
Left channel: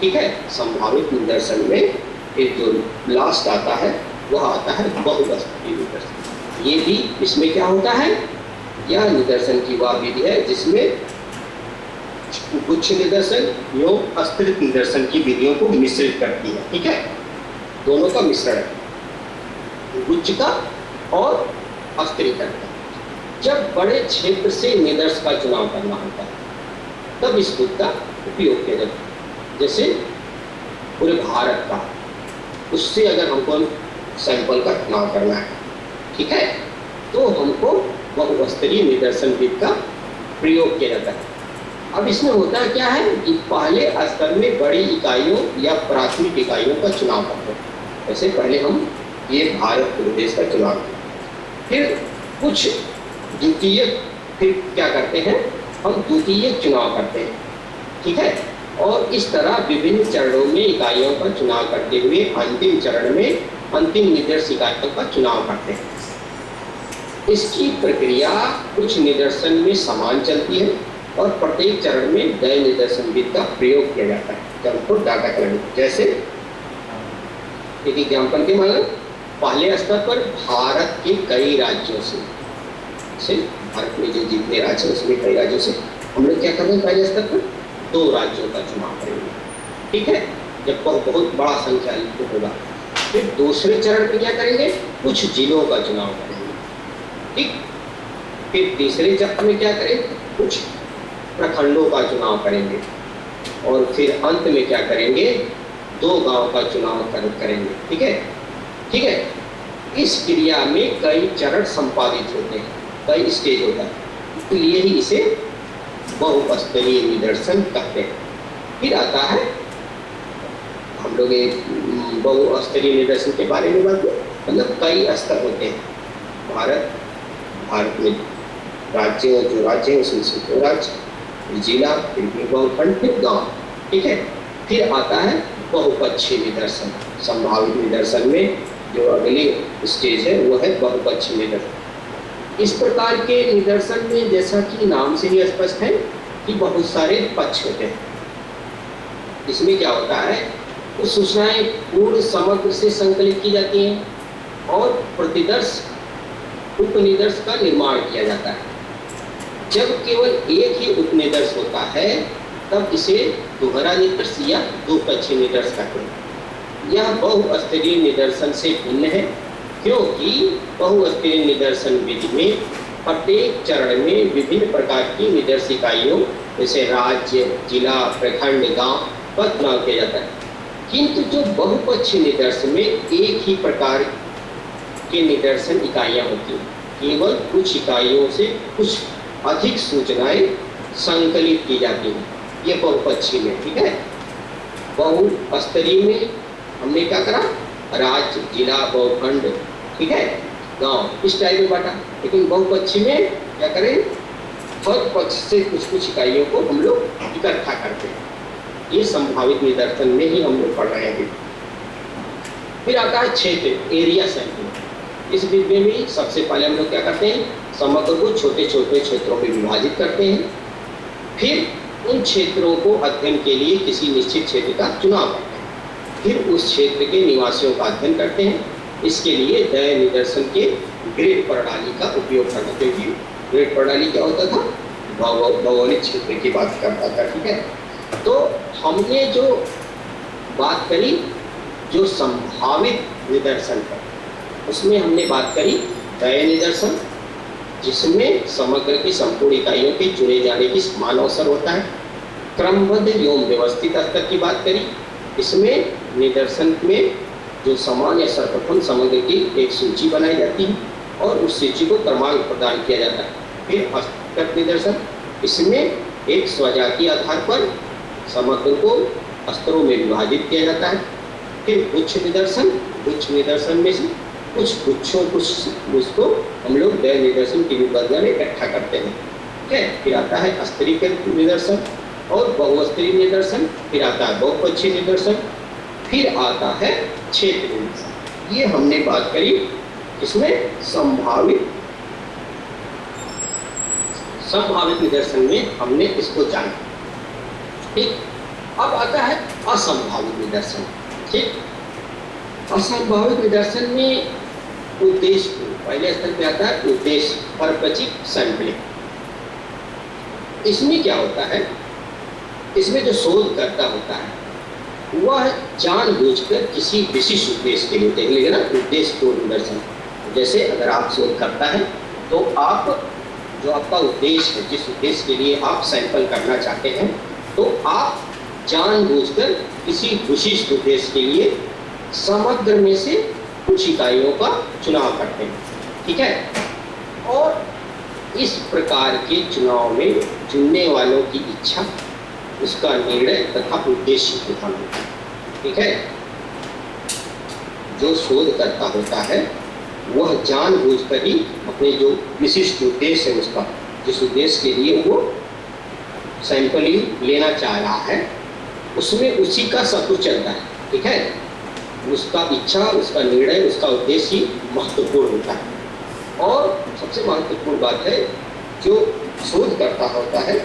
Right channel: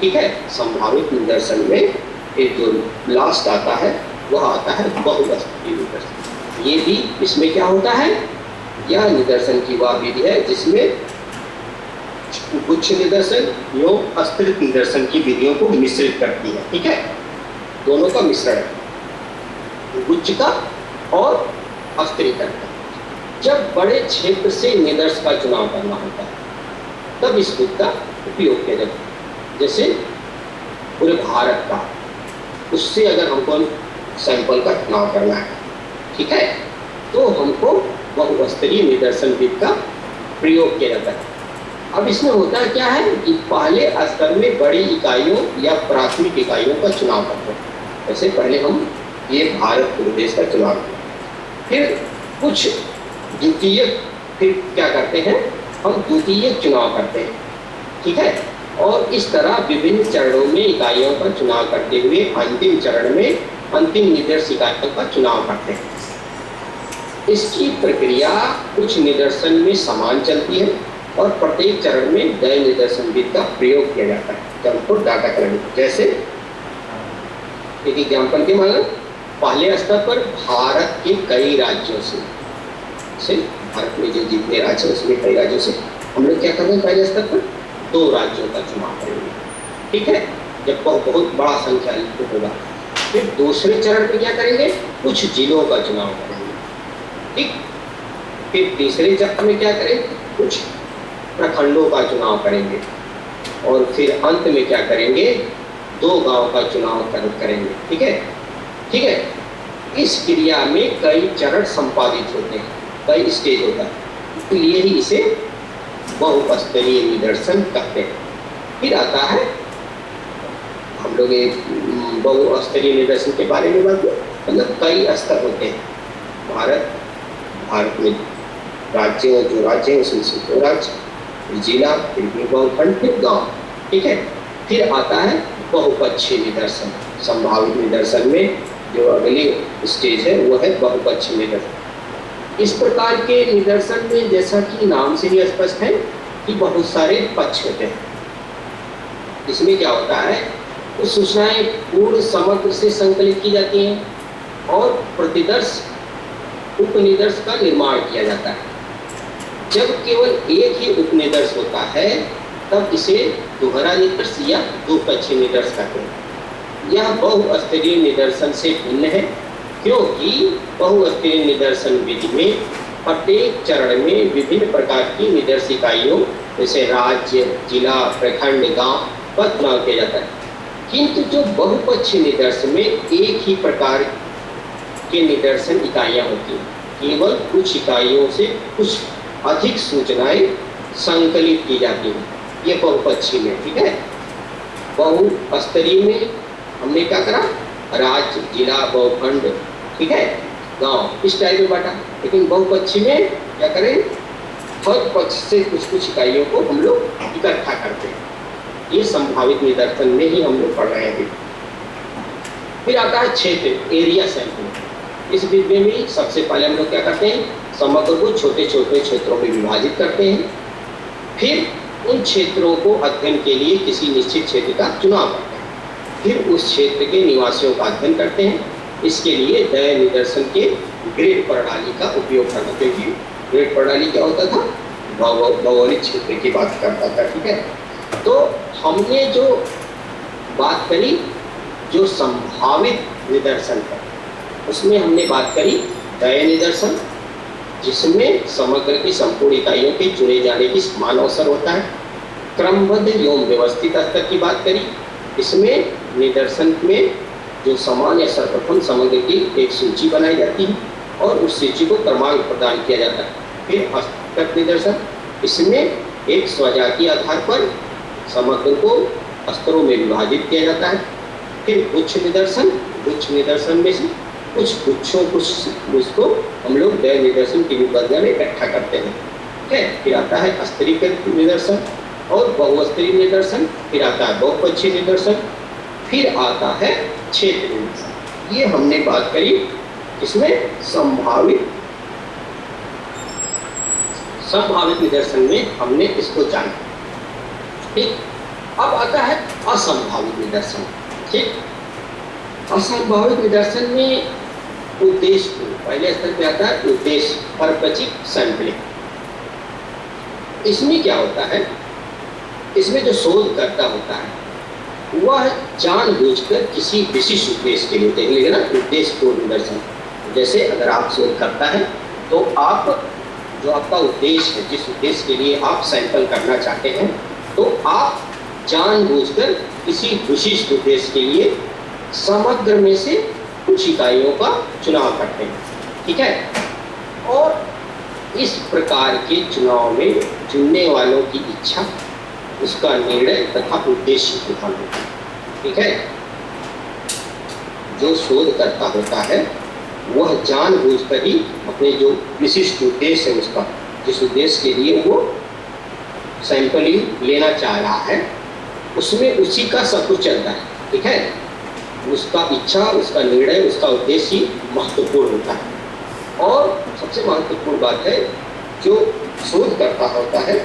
ठीक है। संभावित निदर्शन में एक जो लास्ट आता है वह आता है बहुस्तरीय निदर्शन। ये भी इसमें क्या होता है, यह निदर्शन की वह विधि है जिसमें गुच्छ निदर्शन एवं स्तरित निदर्शन की विधियों को मिश्रित करती है। ठीक है। दोनों का मिश्रण है, गुच्छ का और स्तरीकरण का। जब बड़े क्षेत्र से निदर्श का चुनाव करना होता है तब इस विधि का उपयोग किया जाता है। जैसे पूरे भारत का, उससे अगर हमको सैंपल का चुनाव करना है, ठीक है, तो हमको बहुस्तरीय निदर्शन विधि का प्रयोग किया जाता है। अब इसमें होता क्या है कि पहले स्तर में बड़ी इकाइयों या प्राथमिक इकाइयों का चुनाव करते हैं। जैसे पहले हम ये भारत प्रदेश का चुनाव किया, फिर कुछ द्वितीय, फिर क्या करते हैं, हम द्वितीय चुनाव करते हैं। ठीक है। और इस तरह विभिन्न चरणों में इकाइयों का चुनाव करते हुए अंतिम चरण में अंतिम निदर्श इकाइयों का चुनाव करते हैं। इसकी प्रक्रिया कुछ निदर्शन में समान चलती है और प्रत्येक चरण में दय निदर्शन विधि का प्रयोग किया जाता है जब हमको डाटा कलेक्ट। जैसे एक एग्जाम्पल के माने पहले स्तर पर भारत के कई राज्यों से भारत में जो जितने राज्य हैं उसमें कई राज्यों से हम लोग क्या कर रहे हैं, पहले स्तर पर 2 राज्यों का चुनाव करेंगे। ठीक है। जब बहुत बड़ा संख्या होगा, फिर दूसरे चरण में क्या करेंगे, कुछ जिलों का चुनाव करेंगे। ठीक। फिर तीसरे चरण में क्या करेंगे, कुछ प्रखंडों का चुनाव करेंगे और फिर अंत में क्या करेंगे, 2 गांव का चुनाव करेंगे। ठीक है। ठीक है। इस क्रिया में कई चरण संपादित होते हैं, कई स्टेज होता है, इसलिए ही इसे बहुस्तरीय निदर्शन कहते हैं। फिर आता है हम लोग एक बहुस्तरीय निदर्शन के बारे में बात करें, मतलब कई स्तर होते हैं। भारत में राज्य, जो राज्य है उसमें से 2 राज्य, जिला, फिर बहुखंड, फिर गांव। ठीक है। फिर आता है बहुपक्षीय निदर्शन। संभावित निदर्शन में जो अगली स्टेज है वो है बहुपक्षीय निदर्शन। इस प्रकार के निदर्शन में जैसा कि नाम से ही स्पष्ट है कि बहुत सारे पक्ष होते हैं। इसमें क्या होता है, कुछ सूचनाएं पूर्ण समग्र से संकलित की जाती हैं और प्रतिदर्श उपनिदर्श का निर्माण किया जाता है। जब केवल एक ही उपनिदर्श होता है तब इसे दोहरा निदर्श या द्विपक्षीय निदर्श कहते हैं। यह बहुस्तरीय निदर्शन से भिन्न है क्योंकि बहुस्तरीय निदर्शन विधि में प्रत्येक चरण में विभिन्न प्रकार की निदर्श इकाइयों जैसे राज्य, जिला, प्रखंड, गांव का चुनाव किया जाता है। किंतु जो बहुपक्षीय निदर्शन में एक ही प्रकार के निदर्शन इकाइयाँ होती हैं, केवल कुछ इकाइयों से कुछ अधिक सूचनाएं संकलित की जाती हैं, ये बहुपक्षीय में। ठीक है। बहुस्तरीय में हमने क्या करा, राज्य, जिला, बहुखंड, ठीक है, गांव, इस टाइप में बांटा। लेकिन बहुपक्षीय में क्या करें, हर पक्ष से कुछ कुछ इकाइयों को हम लोग इकट्ठा करते हैं। ये संभावित निदर्शन में ही हम लोग पढ़ रहे हैं। फिर आता है क्षेत्र, एरिया सैंपलिंग। इस विधि में सबसे पहले हम लोग क्या करते हैं, समग्र को छोटे छोटे क्षेत्रों में विभाजित करते हैं। फिर उन क्षेत्रों को अध्ययन के लिए किसी निश्चित क्षेत्र का चुनाव करते हैं। फिर उस क्षेत्र के निवासियों का अध्ययन करते हैं। इसके लिए दय निदर्शन के ग्रेड प्रणाली का उपयोग करना, क्योंकि ग्रेड प्रणाली क्या होता था, भौगोलिक क्षेत्र की बात करता था। ठीक है, तो हमने जो बात करी जो संभावित निदर्शन है, उसमें हमने बात करी दय निदर्शन, जिसमें समग्र की संपूर्ण इकाइयों के चुने जाने की समान अवसर होता है। क्रमबद्ध एवं व्यवस्थित स्तर की बात करी, इसमें निदर्शन में जो समान या सर्वप्रथम समग्र की एक सूची बनाई जाती है और उस सूची को क्रमांक प्रदान किया जाता है। फिर हस्तगत निदर्शन, इसमें एक स्वजातीय आधार पर समग्र को स्तरों में विभाजित किया जाता है। फिर गुच्छ निदर्शन, गुच्छ निदर्शन में से कुछ गुच्छों को हम लोग दय निदर्शन की विभाजन में इकट्ठा करते हैं। ठीक है, फिर आता है स्तरीकृत निदर्शन और बहुस्तरीय निदर्शन, फिर आता है बहुपक्षीय निदर्शन, फिर आता है क्षेत्र निदर्शन। ये हमने बात करी इसमें संभावित निदर्शन में हमने इसको जाना। ठीक, अब आता है असंभावित निदर्शन। ठीक, असंभावित निदर्शन में उद्देश्य, पहले स्तर पे आता है उद्देश्य, परपचिक सैंपलिंग। इसमें क्या होता है, इसमें जो शोधकर्ता होता है वह जानबूझकर किसी विशिष्ट उद्देश्य के लिए, देख लीजिए ना, उद्देश्य को निदर्शन। जैसे अगर आप शोध करता है तो आप जो आपका उद्देश्य है, जिस उद्देश्य के लिए आप सैंपल करना चाहते हैं, तो आप जानबूझकर किसी विशिष्ट उद्देश्य के लिए समग्र में से कुछ इकाइयों का चुनाव करते हैं। ठीक है, और इस प्रकार के चुनाव में चुनने वालों की इच्छा, उसका निर्णय तथा उद्देश्य प्रधान होता है। ठीक है, जो शोधकर्ता होता है वह जानबूझकर ही अपने जो विशिष्ट उद्देश्य है उसका, जिस उद्देश्य के लिए वो सैंपलिंग लेना चाह रहा है, उसमें उसी का सब कुछ चलता है। ठीक है, उसका इच्छा, उसका निर्णय, उसका उद्देश्य महत्वपूर्ण होता है। और सबसे महत्वपूर्ण बात है, जो शोधकर्ता होता है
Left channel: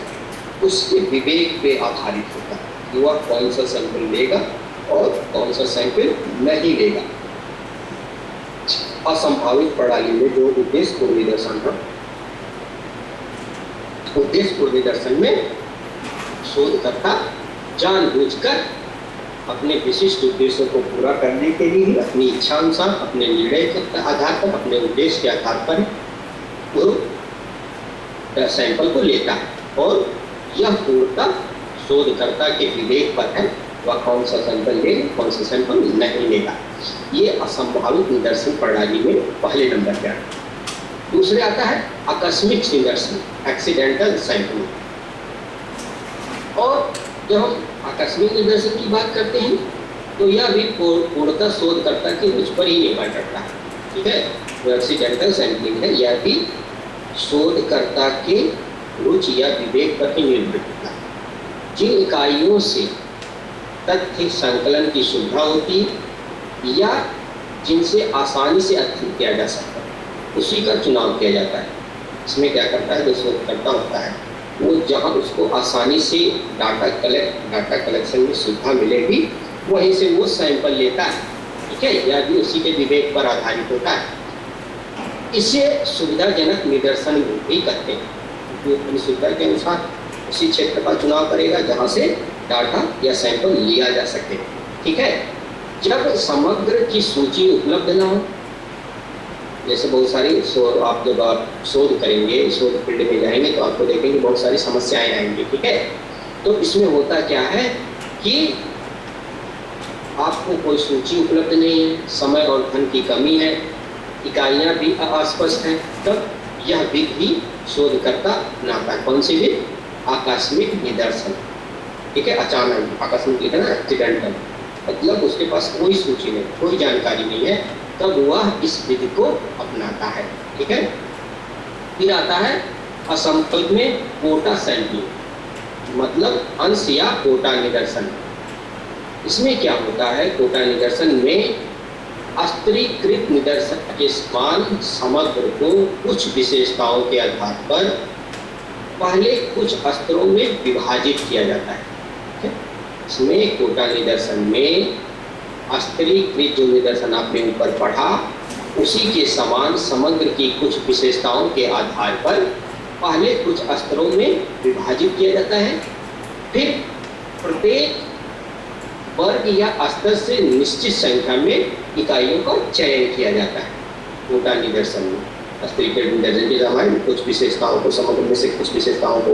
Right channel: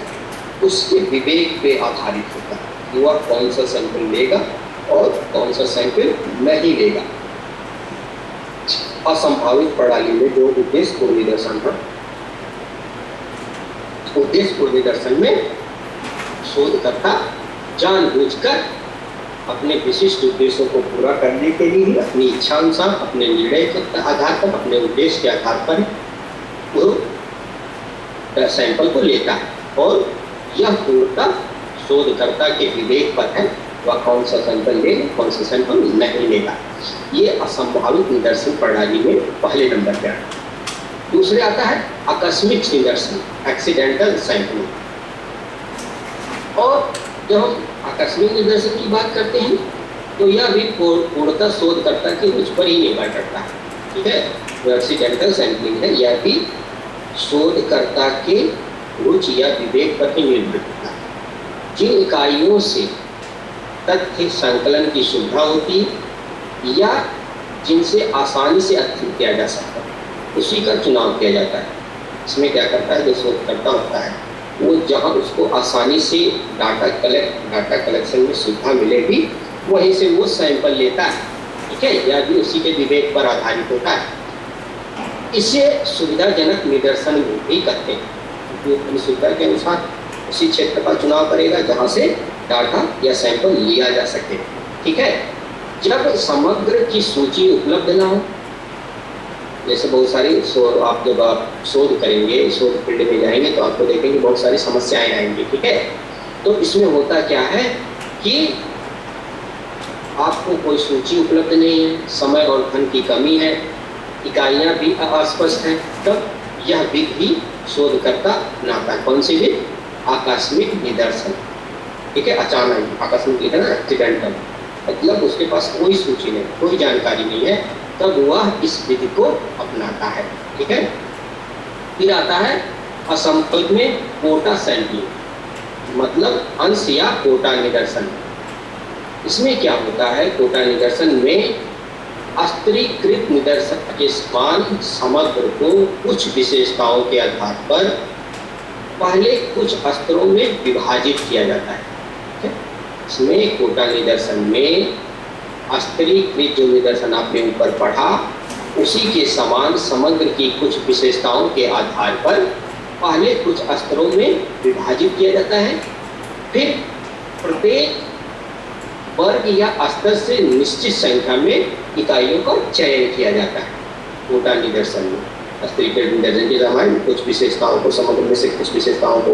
उसके विवेक पे आधारित होता है कि वह कौन सा सैंपल लेगा और कौन सा सैंपल नहीं लेगा। असंभावित प्रणाली में जो उद्देश्य पूर्ण निदर्शन है, उद्देश्य पूर्ण निदर्शन में शोधकर्ता जानबूझकर अपने विशिष्ट उद्देश्यों को पूरा करने के लिए अपनी इच्छा अनुसार, अपने निर्णय के आधार पर, अपने उद्देश्य के आधार पर वो सैंपल को लेता है। और यह पूर्णतः शोधकर्ता के विवेक पर है, वह कौन सा सैंपल लेगा, कौन सा सैंपल नहीं लेगा। ये असंभावित निदर्शन प्रणाली में पहले नंबर पर है। दूसरे आता है आकस्मिक निदर्शन, एक्सीडेंटल सैंपलिंग। और जब हम आकस्मिक निदर्शन की बात करते हैं तो यह भी पूर्णतः शोधकर्ता की रुचि पर ही निर्भर करता है। ठीक है, जो एक्सीडेंटल सैंपलिंग है यह भी शोधकर्ता के रुचि या विवेक पर ही निर्भर करता है। जिन इकाइयों से तथ्य संकलन की सुविधा होती है या जिनसे आसानी से अध्ययन किया जा सकता है, उसी का चुनाव किया जाता है। इसमें क्या करता है, जो शोधकर्ता होता है वो जहाँ उसको आसानी से डाटा कलेक्शन में सुविधा मिलेगी, वहीं से वो सैंपल लेता है। ठीक है, यह भी उसी के विवेक पर आधारित होता है। इसे सुविधाजनक निदर्शन भी कहते हैं, क्योंकि अपनी सुविधा के अनुसार उसी क्षेत्र का चुनाव करेगा जहाँ से डाटा या सैंपल लिया जा सके। ठीक है, जब समग्र की सूची उपलब्ध ना हो, जैसे बहुत सारी आप जब आप शोध करेंगे, शोध फील्ड में जाएंगे तो आपको देखेंगे बहुत सारी समस्याएं आएंगी। ठीक है, तो इसमें होता क्या है कि आपको कोई सूची उपलब्ध नहीं है, समय और धन की कमी है, इकाइयां भी अस्पष्ट हैं, तब यह विधि शोधकर्ता अपनाता है। कौन सी विधि? आकस्मिक निदर्शन। ठीक है, अचानक आकस्मिक लिखा ना, एक्सीडेंटल, मतलब उसके पास कोई सूची नहीं, कोई जानकारी नहीं है, तब वह इस विधि को अपनाता है। ठीक है, फिर आता है असंभव में कोटा सैंपलिंग मतलब अंश या कोटा निदर्शन। इसमें क्या होता है, कोटा निदर्शन में अस्त्रीकृत निदर्शन के समान समग्र को कुछ विशेषताओं के आधार पर पहले कुछ अस्त्रों में विभाजित किया जाता है। इसमें कोटा निदर्शन में अस्त्रीकृत जो निदर्शन आपने ऊपर पढ़ा उसी के समान समग्र की कुछ विशेषताओं के आधार पर पहले कुछ अस्त्रों में विभाजित किया जाता है, फिर प्रत्येक वर्ग या स्तर से निश्चित संख्या में इकाइयों का चयन किया जाता है। कोटा निदर्शन में अस्त्रीकृत निदर्शन के समान कुछ विशेषताओं को समग्र में से कुछ विशेषताओं को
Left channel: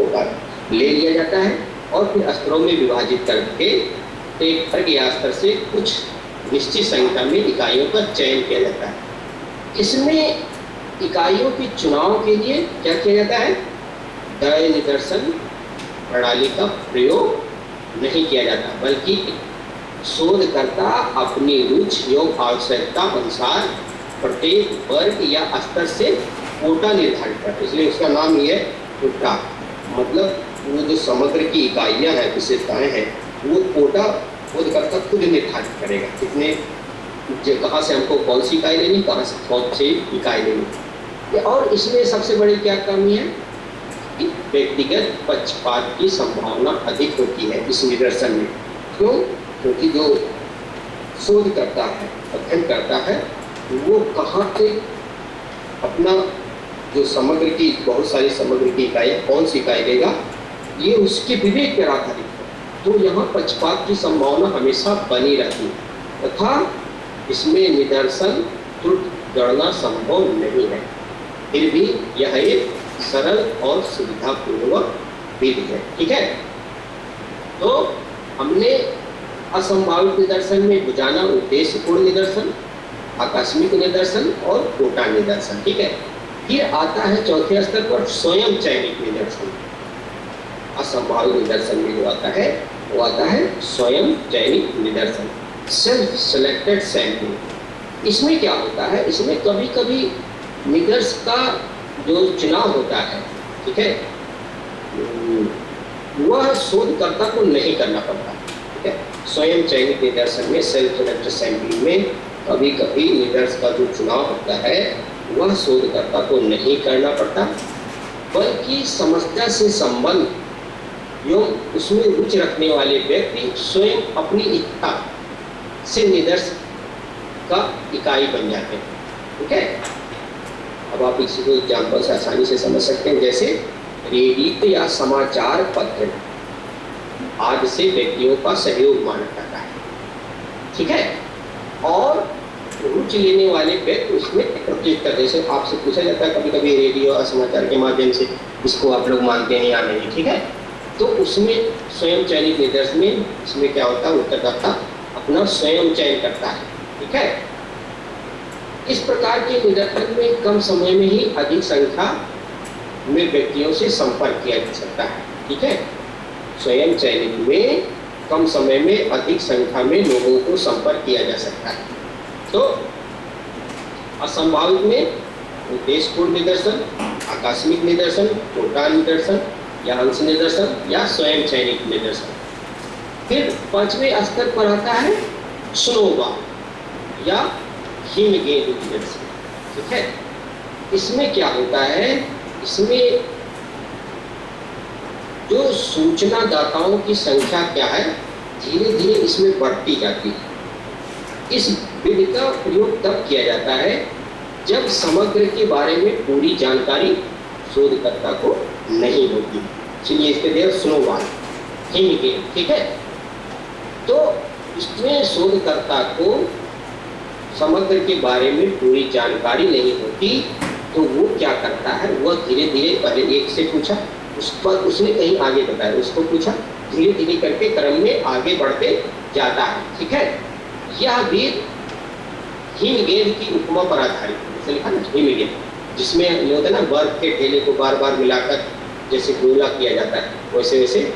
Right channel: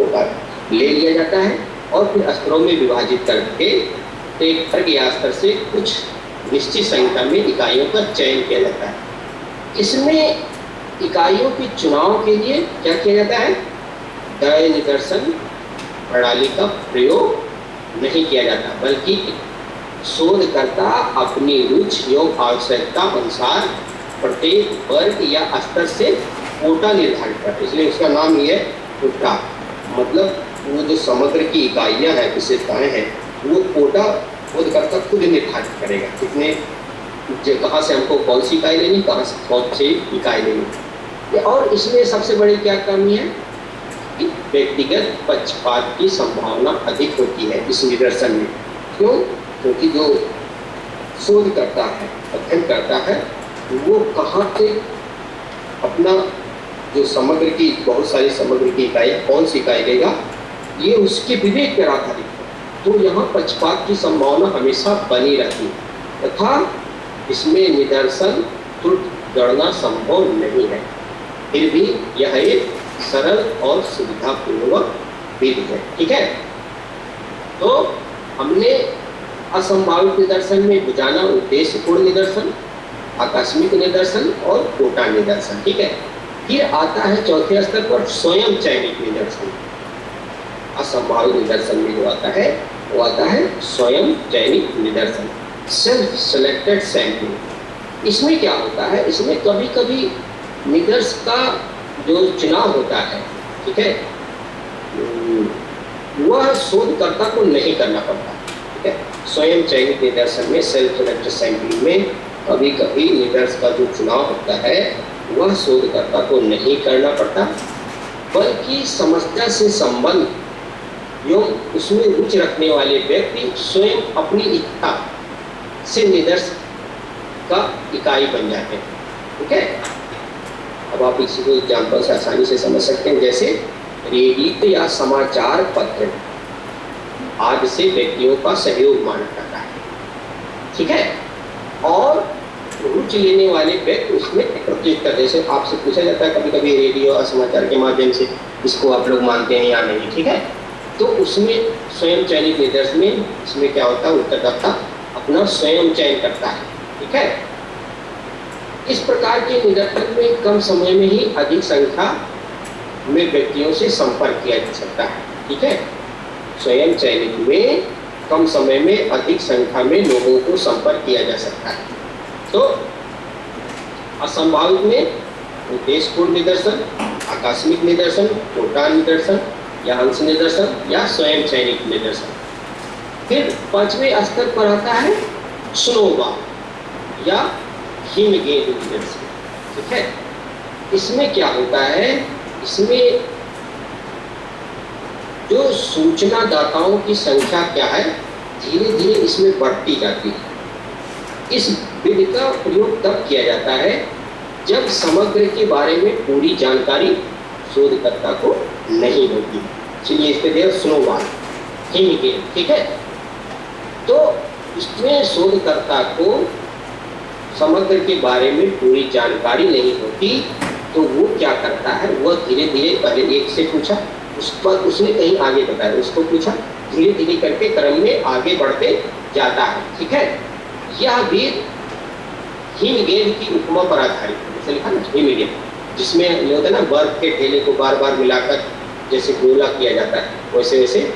ले लिया जाता है और फिर स्तरों में विभाजित करके एक वर्ग या स्तर से कुछ निश्चित संख्या में इकाइयों का चयन किया जाता है। इसमें इकाइयों के चुनाव के लिए क्या किया जाता है, दय निदर्शन प्रणाली का प्रयोग नहीं किया जाता, बल्कि शोधकर्ता अपनी रुचि एवं आवश्यकता अनुसार प्रत्येक वर्ग या स्तर से कोटा निर्धारित करता है। इसलिए उसका नाम ये है कोटा, मतलब वो जो समग्र की इकाइयाँ हैं, विशेषताएं हैं, वो कोटा शोधकर्ता खुद निर्धारित करेगा कितने कहाँ से हमको कौन सी इकाई लेनी, कहाँ से कौन सी इकाई लेनी। और इसमें सबसे बड़ी क्या कमी है कि व्यक्तिगत पक्षपात की संभावना अधिक होती है इस निदर्शन में। क्यों? क्योंकि जो शोध करता है, अध्ययन करता है, वो कहाँ से अपना जो समग्र की बहुत सारी समग्र की इकाई कौन सी इकाई लेगा, ये उसके विवेक पर आधारित है। तो यहाँ पक्षपात की संभावना हमेशा बनी रहती है तथा इसमें निदर्शन त्रुटि गणना संभव नहीं है। फिर भी यह एक सरल और सुविधापूर्वक विधि है। ठीक है, तो हमने असंभावित निदर्शन में बुझाना उद्देश्यपूर्ण निदर्शन, आकस्मिक निदर्शन और कोटा निदर्शन। ठीक है, फिर आता है चौथे स्तर पर स्वयं चयनित निदर्शन। असंभावित निदर्शन में जो आता है वो आता है स्वयं चयनित निदर्शन, सेल्फ सेलेक्टेड सैंपलिंग। इसमें क्या होता है, इसमें कभी कभी निदर्श का जो चुनाव होता है, ठीक है, वह शोधकर्ता को नहीं करना पड़ता। ठीक है, स्वयं चयनित निदर्शन में सेल्फ सेलेक्टेड सैंपलिंग में कभी कभी निदर्श का जो चुनाव होता है वह शोधकर्ता को नहीं करना पड़ता, बल्कि समस्या से संबंध एवं उसमें रुचि रखने वाले व्यक्ति स्वयं अपनी इच्छा से निदर्श का इकाई बन जाते हैं। ठीक है, अब आप इसी को एग्जाम्पल से आसानी से समझ सकते हैं। जैसे रेडियो या समाचार पत्र आदि से व्यक्तियों का सहयोग माना जाता है। ठीक है, और रुचि लेने वाले व्यक्ति उसमें प्रत्येक तरह, जैसे आपसे पूछा जाता है कभी कभी रेडियो और समाचार के माध्यम से इसको आप लोग मानते हैं या नहीं। ठीक है, तो उसमें स्वयं चयनित निदर्शन में इसमें क्या होता है, उत्तरदाता अपना स्वयं चयन करता है। ठीक है, इस प्रकार के निदर्शन में कम समय में ही अधिक संख्या में व्यक्तियों से संपर्क किया जा सकता है। ठीक है, स्वयं चयनित में कम समय में अधिक संख्या में लोगों को संपर्क किया जा सकता है। तो असंभावित में उद्देश्यपूर्ण निदर्शन, आकस्मिक निदर्शन, कोटा निदर्शन या अंश निदर्शन या स्वयं चयनित निदर्शन। फिर पांचवें स्तर पर आता है स्नोबॉल या हिमगेंद निदर्शन। ठीक है, इसमें क्या होता है, इसमें जो सूचना दाताओं की संख्या क्या है, धीरे धीरे इसमें बढ़ती जाती है। इस विधि का प्रयोग तब किया जाता है जब समग्र के बारे में पूरी जानकारी शोधकर्ता को नहीं होती। चलिए इसके लिए स्नोबॉल हिमगेंद। ठीक है, तो इसमें शोधकर्ता को समग्र के बारे में पूरी जानकारी नहीं होती, तो वो क्या करता है, वह धीरे धीरे पहले एक से पूछा, उस पर उसने कहीं आगे बताया, उसको पूछा, धीरे धीरे करके क्रम में आगे बढ़ते जाता है। ठीक है, यह विधि हिमगेंद की उपमा पर आधारित है। जैसे लिखा ना हिमगेंद, जिसमें ये होता है ना बर्फ के ढेले को बार बार मिलाकर जैसे गोला किया जाता है, वैसे वैसे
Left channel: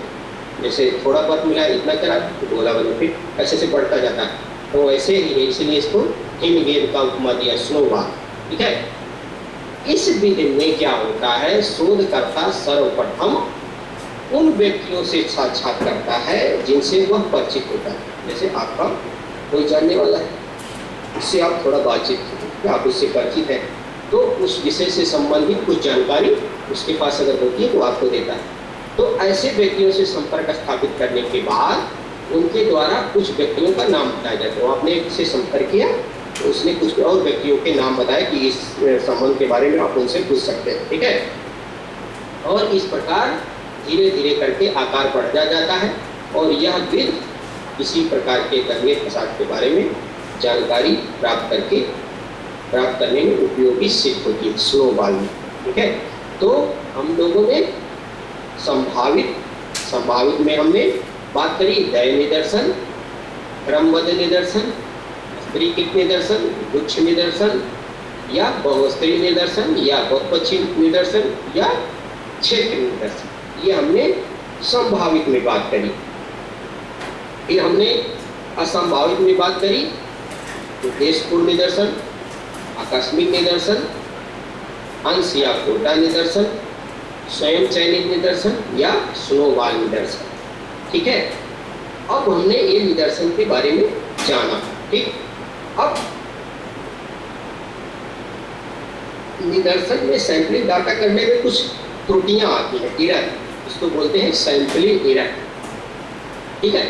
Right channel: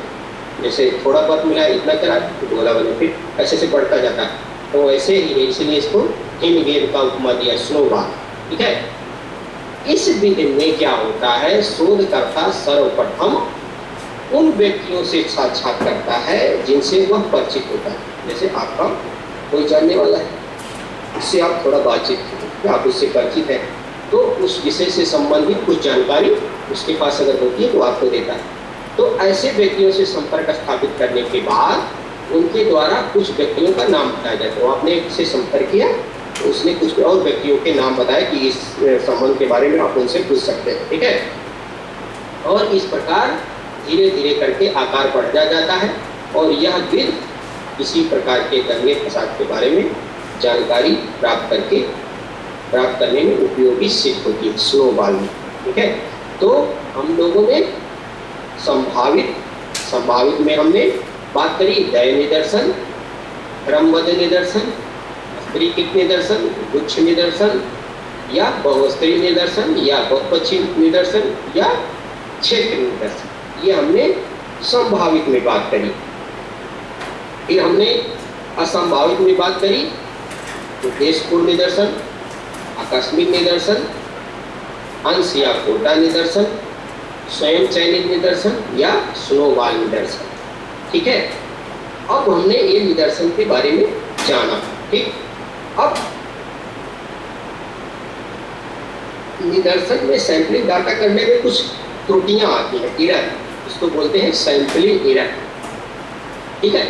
जैसे थोड़ा बर्फ मिला इतना करा तो गोला बने, फिर ऐसे से बढ़ता जाता है। तो वैसे ही है, इसलिए इसको हिमगेंद का उपमा दिया, स्नोबॉल। ठीक है, इस विधि में क्या होता है, शोधकर्ता सर्वप्रथम उन व्यक्तियों से साक्षात करता है जिनसे वह परिचित होता है। जैसे आपका कोई जानने वाला है, उससे आप थोड़ा बातचीत करें, आप उससे परिचित हैं, तो उस विषय से संबंधित कुछ जानकारी उसके पास अगर होती है तो आपको देता है। तो ऐसे व्यक्तियों से संपर्क स्थापित करने के बाद उनके द्वारा कुछ व्यक्तियों का नाम बताया जाता है। तो आपने एक से संपर्क किया, तो उसने कुछ और व्यक्तियों के नाम बताया कि इस संबंध के बारे में आप उनसे पूछ सकते हैं, ठीक है। और इस प्रकार धीरे धीरे करके आकार बढ़ता जाता है और यह विधि इसी प्रकार के दंगे फसाद के बारे में जानकारी प्राप्त करने में उपयोगी सिद्ध होती है, स्नोबॉल में, ठीक है। तो हम लोगों ने संभावित में हमने बात करी दय निदर्शन, क्रमबद्ध निदर्शन, स्तरीकृत निदर्शन, गुच्छ निदर्शन या बहुस्तरीय निदर्शन या बहुपक्षी निदर्शन या क्षेत्र निदर्शन, ये हमने संभावित में बात करी। फिर हमने असंभावित में बात करी उद्देश्यपूर्ण निदर्शन, आकस्मिक निदर्शन, अंश या कोटा निदर्शन, स्वयं चयनित निदर्शन या स्नोबॉल निदर्शन, ठीक है। अब हमने ये निदर्शन के बारे में जाना, ठीक। अब निदर्शन में सैंपलिंग डाटा करने में कुछ त्रुटियां आती हैं, एरर, इसको बोलते हैं सैंपलिंग एरर, ठीक है।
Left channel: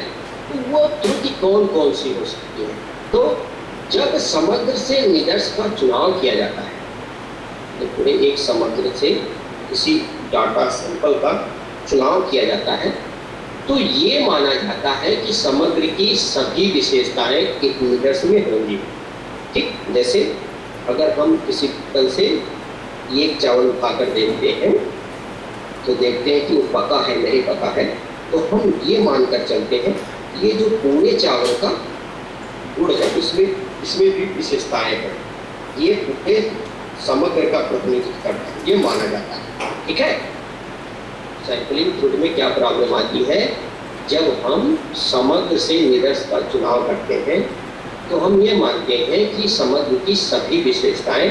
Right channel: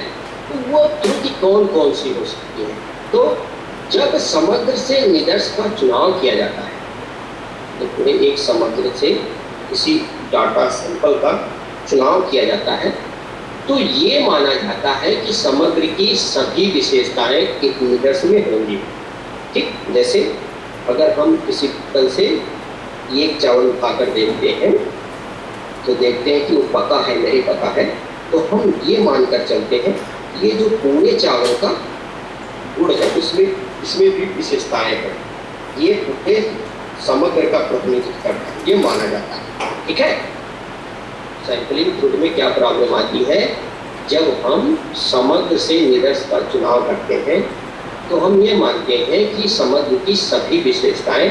तो वो त्रुटि कौन कौन सी हो सकती है? तो जब समग्र से निदर्श का चुनाव किया जाता है, तो पूरे एक समग्र से किसी डाटा सैंपल का चुनाव किया जाता है, तो ये माना जाता है कि समग्र की सभी विशेषताएं एक निदर्श में होंगी, ठीक। जैसे अगर हम किसी तल से एक चावल उठाकर देखते हैं तो देखते हैं कि वो पका है नहीं पका है, तो हम ये मानकर चलते हैं कि ये जो पूरे चावल का गुण है इसमें भी विशेषताएं हैं, ये पूरे समग्र का प्रतिनिधित्व करता है, ये माना जाता है, ठीक है। सैंपलिंग त्रुटि में क्या प्रॉब्लम आती है, जब हम समग्र से निदर्श का चुनाव करते हैं तो हम ये मानते हैं कि समग्र की सभी विशेषताएं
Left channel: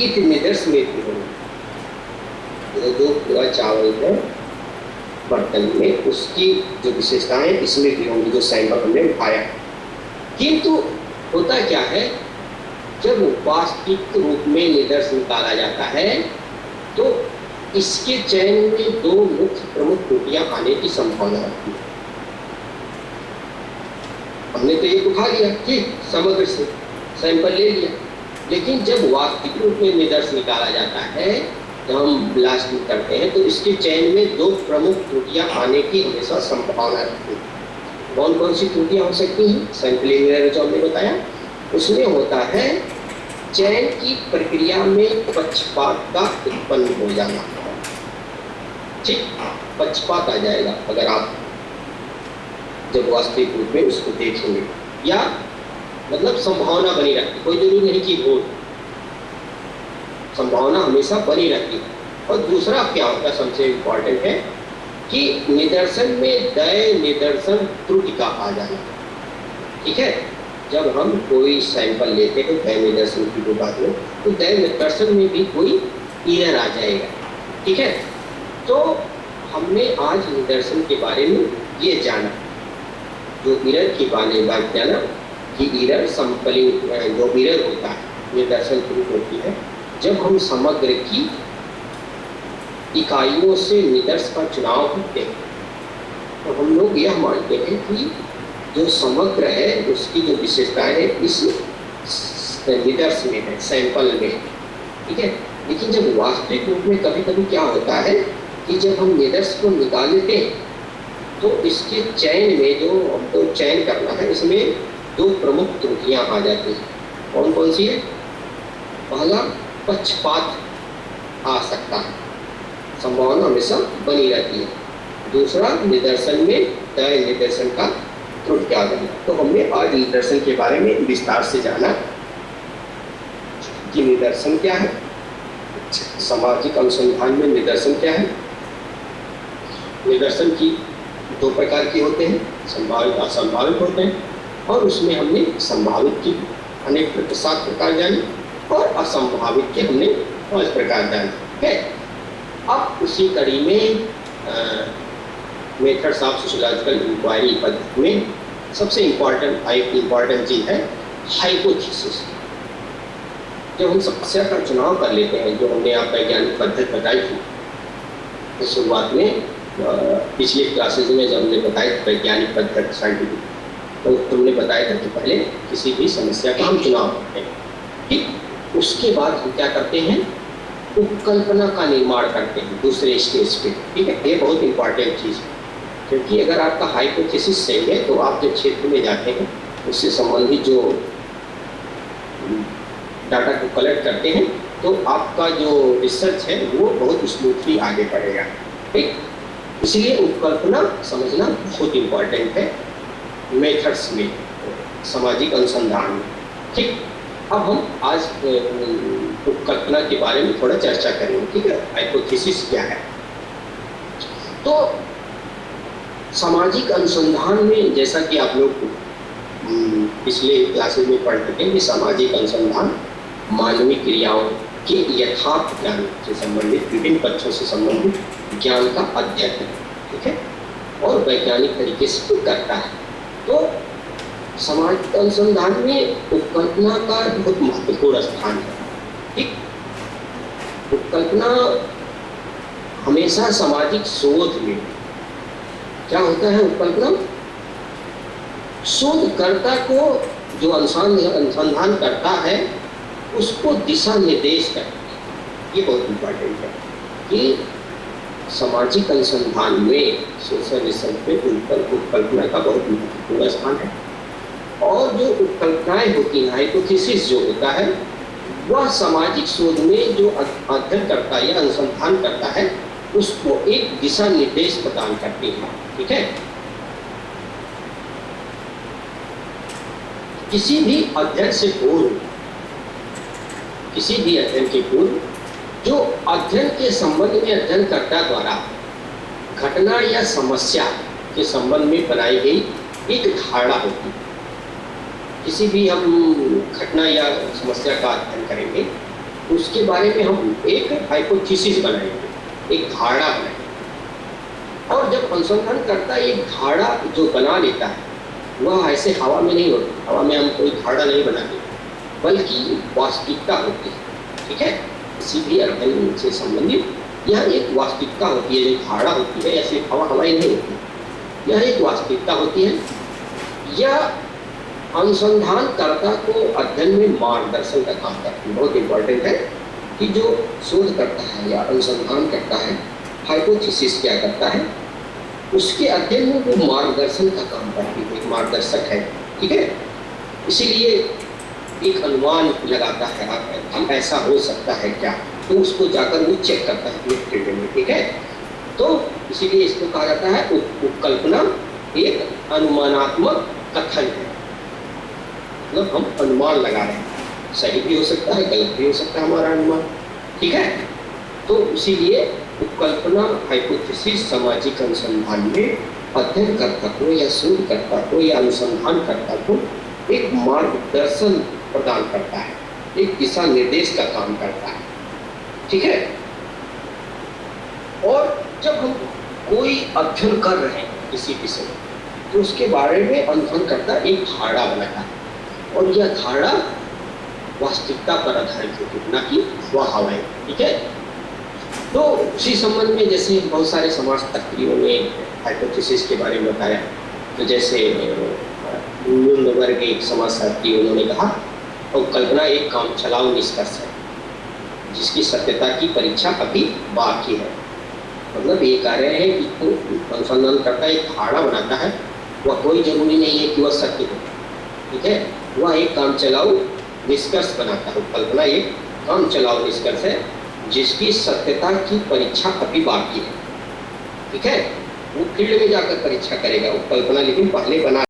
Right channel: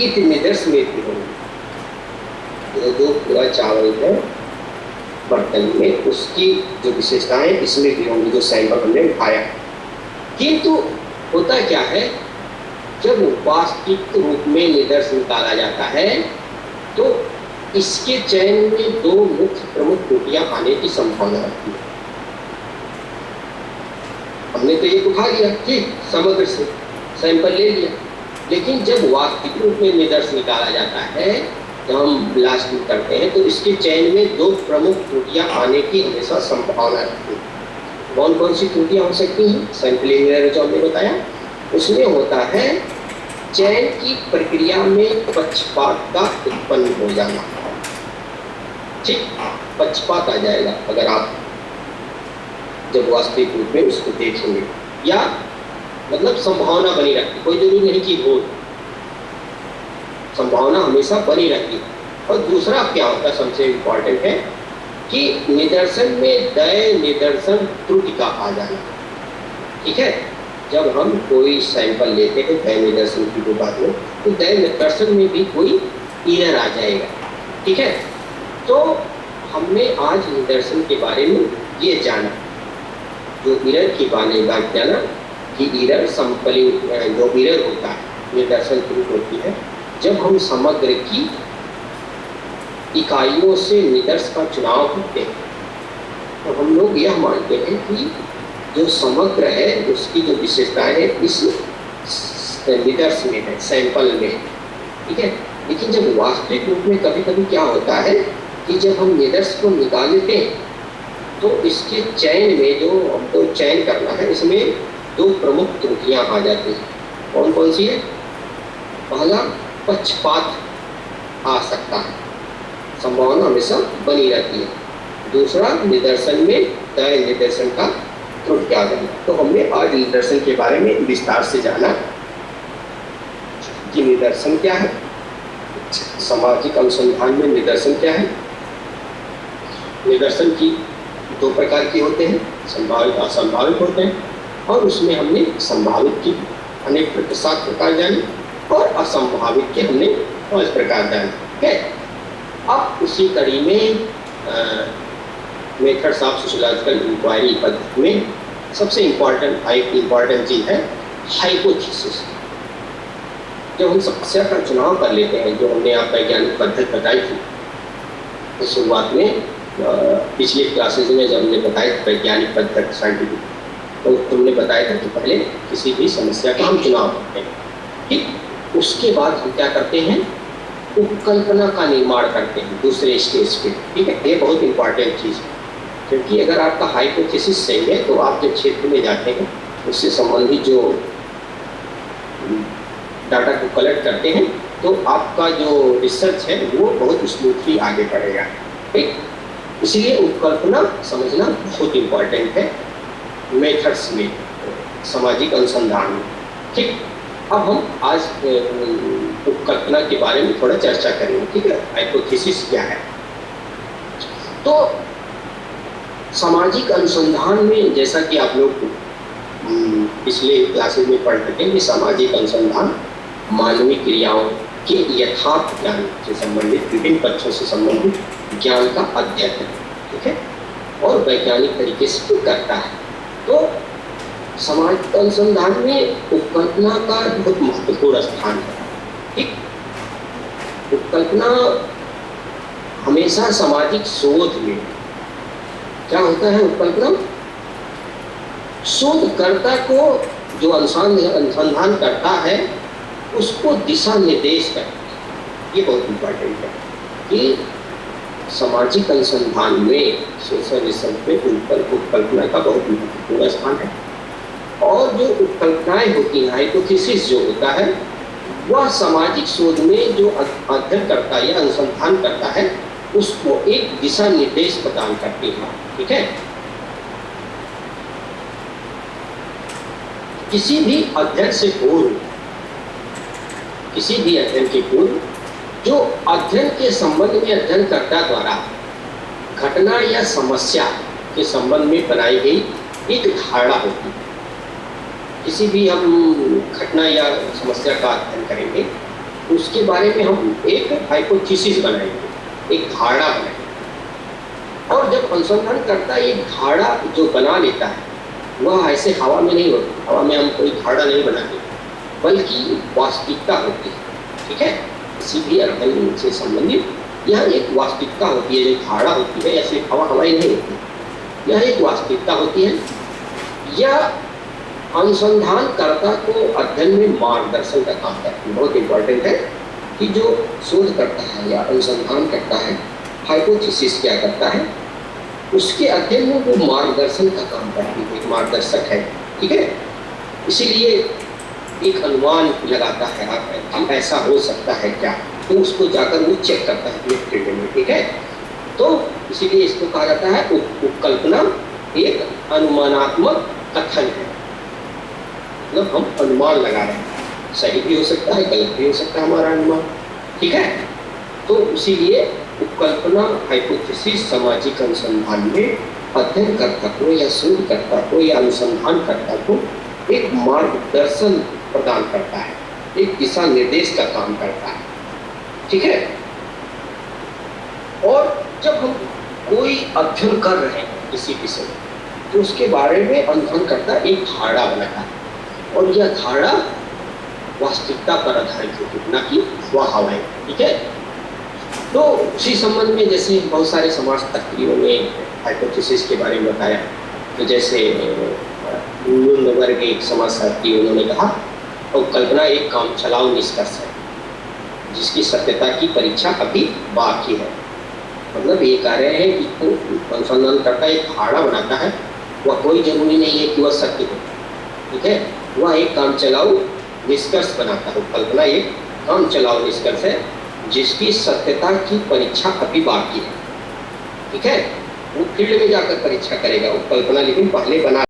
इस निदर्श में भी होंगी। जो पूरा चावल है बर्तन में, उसकी जो विशेषताएं इसमें भी होंगी जो सैंपल हमने उठाया। किंतु होता क्या है, जब वास्तविक रूप में निदर्श निकाला जाता है तो इसके चयन में दो मुख्य प्रमुख त्रुटियां आने की संभावना रहती है। हमने तो ये उठा लिया, ठीक, समग्र से सैंपल ले लिया, लेकिन जब वास्तविक रूप में निदर्श निकाला जाता है, जब हम ब्लास्टिंग करते हैं, तो इसके चयन में दो प्रमुख त्रुटियां आने की हमेशा संभावना रहती है। कौन कौन सी त्रुटियां हो सकती हैं? सैंपलिंग एरर जो हमने बताया, उसमें होता है चयन की प्रक्रिया में पक्षपात का उत्पन्न हो जाना, ठीक, पक्षपात आ जाएगा अगर आप जब वास्तविक रूप में उसको देखेंगे, या मतलब संभावना बनी रहती, कोई जरूरी नहीं कि हो, संभावना हमेशा बनी रहती है। और दूसरा क्या होता है, सबसे इम्पोर्टेंट है कि निदर्शन में दय निदर्शन त्रुटि का आ जाना, ठीक है। जब हम कोई सैंपल लेते हैं दय निदर्शन की जो बात हो, तो दय निदर्शन में भी कोई एरर आ जाएगा, ठीक है। तो हमने आज निदर्शन के बारे में ये जाना, जो एरर की बात जाना कि एरर सैंपलिंग जो एरर होता है, निदर्शन त्रुटि होती है जब हम समग्र की इकाइयों से निदर्श का चुनाव करते हैं। तो हम लोग यह मानते हैं कि जो समग्र है उसकी जो विशेषताएं है इस निदर्श में है, सैंपल में, ठीक है। लेकिन जब वास्तविक रूप में कभी कभी क्या होता है कि जब हम निदर्श को निकालते हैं तो इसके चयन में जो हमको चयन करना है, इसमें दो प्रमुख त्रुटियां आ जाती हैं। कौन कौन सी है? पहला, पक्षपात आ सकता है, संभावना हमेशा बनी रहती है। दूसरा, निदर्शन में तय निदर्शन का त्रुटि आ जाना। तो हमने आज निदर्शन के बारे में विस्तार से जाना कि निदर्शन क्या है, सामाजिक अनुसंधान में निदर्शन क्या है। निदर्शन की दो प्रकार के होते हैं, संभावित असंभावित होते हैं, और उसमें हमने संभावित की अनेक 7 प्रकार जाने और असंभावित के हमने और इस प्रकार जान, ठीक है। अब उसी कड़ी में मेथड्स ऑफ सोशियोलॉजिकल इंक्वायरी पद्धति में सबसे इम्पॉर्टेंट चीज़ है हाइपोथेसिस। जब हम समस्या का चुनाव कर लेते हैं, जो हमने आप वैज्ञानिक पद्धति बताई थी तो शुरुआत में पिछले क्लासेज में जब हमने बताया वैज्ञानिक पद्धति साइंटिफिक, तो तुमने बताया था कि पहले किसी भी समस्या का हम चुनाव करते हैं, ठीक। उसके बाद हम क्या करते हैं, उपकल्पना का निर्माण करते हैं दूसरे स्टेज पे, ठीक है। ये बहुत इंपॉर्टेंट चीज़ है, क्योंकि अगर आपका हाइपोथेसिस सही है तो आप जब क्षेत्र में जाते हैं उससे संबंधित जो डाटा को कलेक्ट करते हैं तो आपका जो रिसर्च है वो बहुत स्मूथली आगे बढ़ेगा, ठीक। इसलिए उपकल्पना समझना बहुत इम्पॉर्टेंट है मेथड्स में, सामाजिक अनुसंधान में, ठीक। अब हम आज उपकल्पना के बारे में थोड़ा चर्चा करेंगे, ठीक है। हाइपोथेसिस क्या है? तो सामाजिक अनुसंधान में जैसा कि आप लोग पिछले क्लासेस में पढ़ चुके हैं कि सामाजिक अनुसंधान मानवीय क्रियाओं के यथार्थ ज्ञान से संबंधित विभिन्न पक्षों से संबंधित ज्ञान का अध्ययन है, ठीक है, और वैज्ञानिक तरीके से करता है। तो सामाजिक अनुसंधान में उपकल्पना का बहुत महत्वपूर्ण स्थान है, ठीक। उपकल्पना हमेशा सामाजिक शोध में क्या होता है, उपकल्पना शोधकर्ता को जो अनुसंधान करता है उसको दिशा निर्देश करता है। ये बहुत इम्पोर्टेंट है कि सामाजिक अनुसंधान में, सोशल रिसर्च में उपकल्पना का बहुत महत्वपूर्ण स्थान है। और जो उपकल्पनाएं होती हैं, हाइपोथेसिस जो होता है, वह सामाजिक शोध में जो अध्ययन करता है या अनुसंधान करता है उसको एक दिशा निर्देश प्रदान करती है, ठीक है। किसी भी अध्ययन से पूर्व, किसी भी अध्ययन के पूर्व जो अध्ययन के संबंध में अध्ययनकर्ता द्वारा घटना या समस्या के संबंध में बनाई गई एक धारणा होती है। किसी भी हम घटना या समस्या का अध्ययन करेंगे उसके बारे में हम एक हाइपोथेसिस बनाएंगे, एक धारणा बनाएंगे। और जब अनुसंधान करता एक धारणा जो बना लेता है वह ऐसे हवा में नहीं होती, हवा में हम कोई धारणा नहीं बनाते, बल्कि वास्तविकता होती है, ठीक है। किसी भी अध्ययन से संबंधित यह एक वास्तविकता होती है, जो धारणा होती है ऐसे हवाई नहीं होती, यह एक वास्तविकता होती है। यह अनुसंधानकर्ता को अध्ययन में मार्गदर्शन का काम करती है। बहुत इंपॉर्टेंट है कि जो शोध करता है या अनुसंधान करता है, हाइपोथेसिस क्या करता है, उसके अध्ययन में वो मार्गदर्शन का काम करती है, एक मार्गदर्शक है, ठीक है। इसीलिए एक अनुमान लगाता है आप, ऐसा हो सकता है क्या, तो उसको जाकर वो चेक करता है फील्ड में, ठीक है। तो इसीलिए इसको कहा जाता है उपकल्पना एक अनुमानात्मक कथन है, मतलब हम अनुमान लगा रहे हैं, सही भी हो सकता है गलत भी हो सकता है हमारा अनुमान, ठीक है। तो इसीलिए उपकल्पना हाइपोथेसिस सामाजिक अनुसंधान में अध्ययनकर्ता को या शोधकर्ता को या अनुसंधानकर्ता को एक मार्गदर्शन प्रदान करता है, एक दिशा निर्देश का काम करता है, ठीक है। और जब हम कोई अध्ययन कर रहे हैं किसी विषय तो उसके बारे में अनुसंधानकर्ता एक धारणा बनाता है, और यह धारणा वास्तविकता पर आधारित होती है, न कि वह हवाएं, ठीक है। तो उसी संबंध में जैसे बहुत सारे समाजशास्त्रियों ने हाइपोथेसिस के बारे में बताया, तो जैसे न्यूनवर्ग एक समाजशास्त्री उन्होंने कहा उपकल्पना एक काम चलाओ निष्कर्ष है जिसकी सत्यता की परीक्षा अभी बाकी है। मतलब ये कह रहे हैं कि अनुसंधान करता एक धारणा बनाता है, वह कोई जरूरी नहीं है कि वह सत्य हो, ठीक है। वह एक काम चलाओ निष्कर्ष बनाता है। उपकल्पना एक काम चलाओ निष्कर्ष है जिसकी सत्यता की परीक्षा अभी बाकी है, ठीक है। वो फील्ड में जाकर परीक्षा करेगा उपकल्पना, लेकिन पहले बना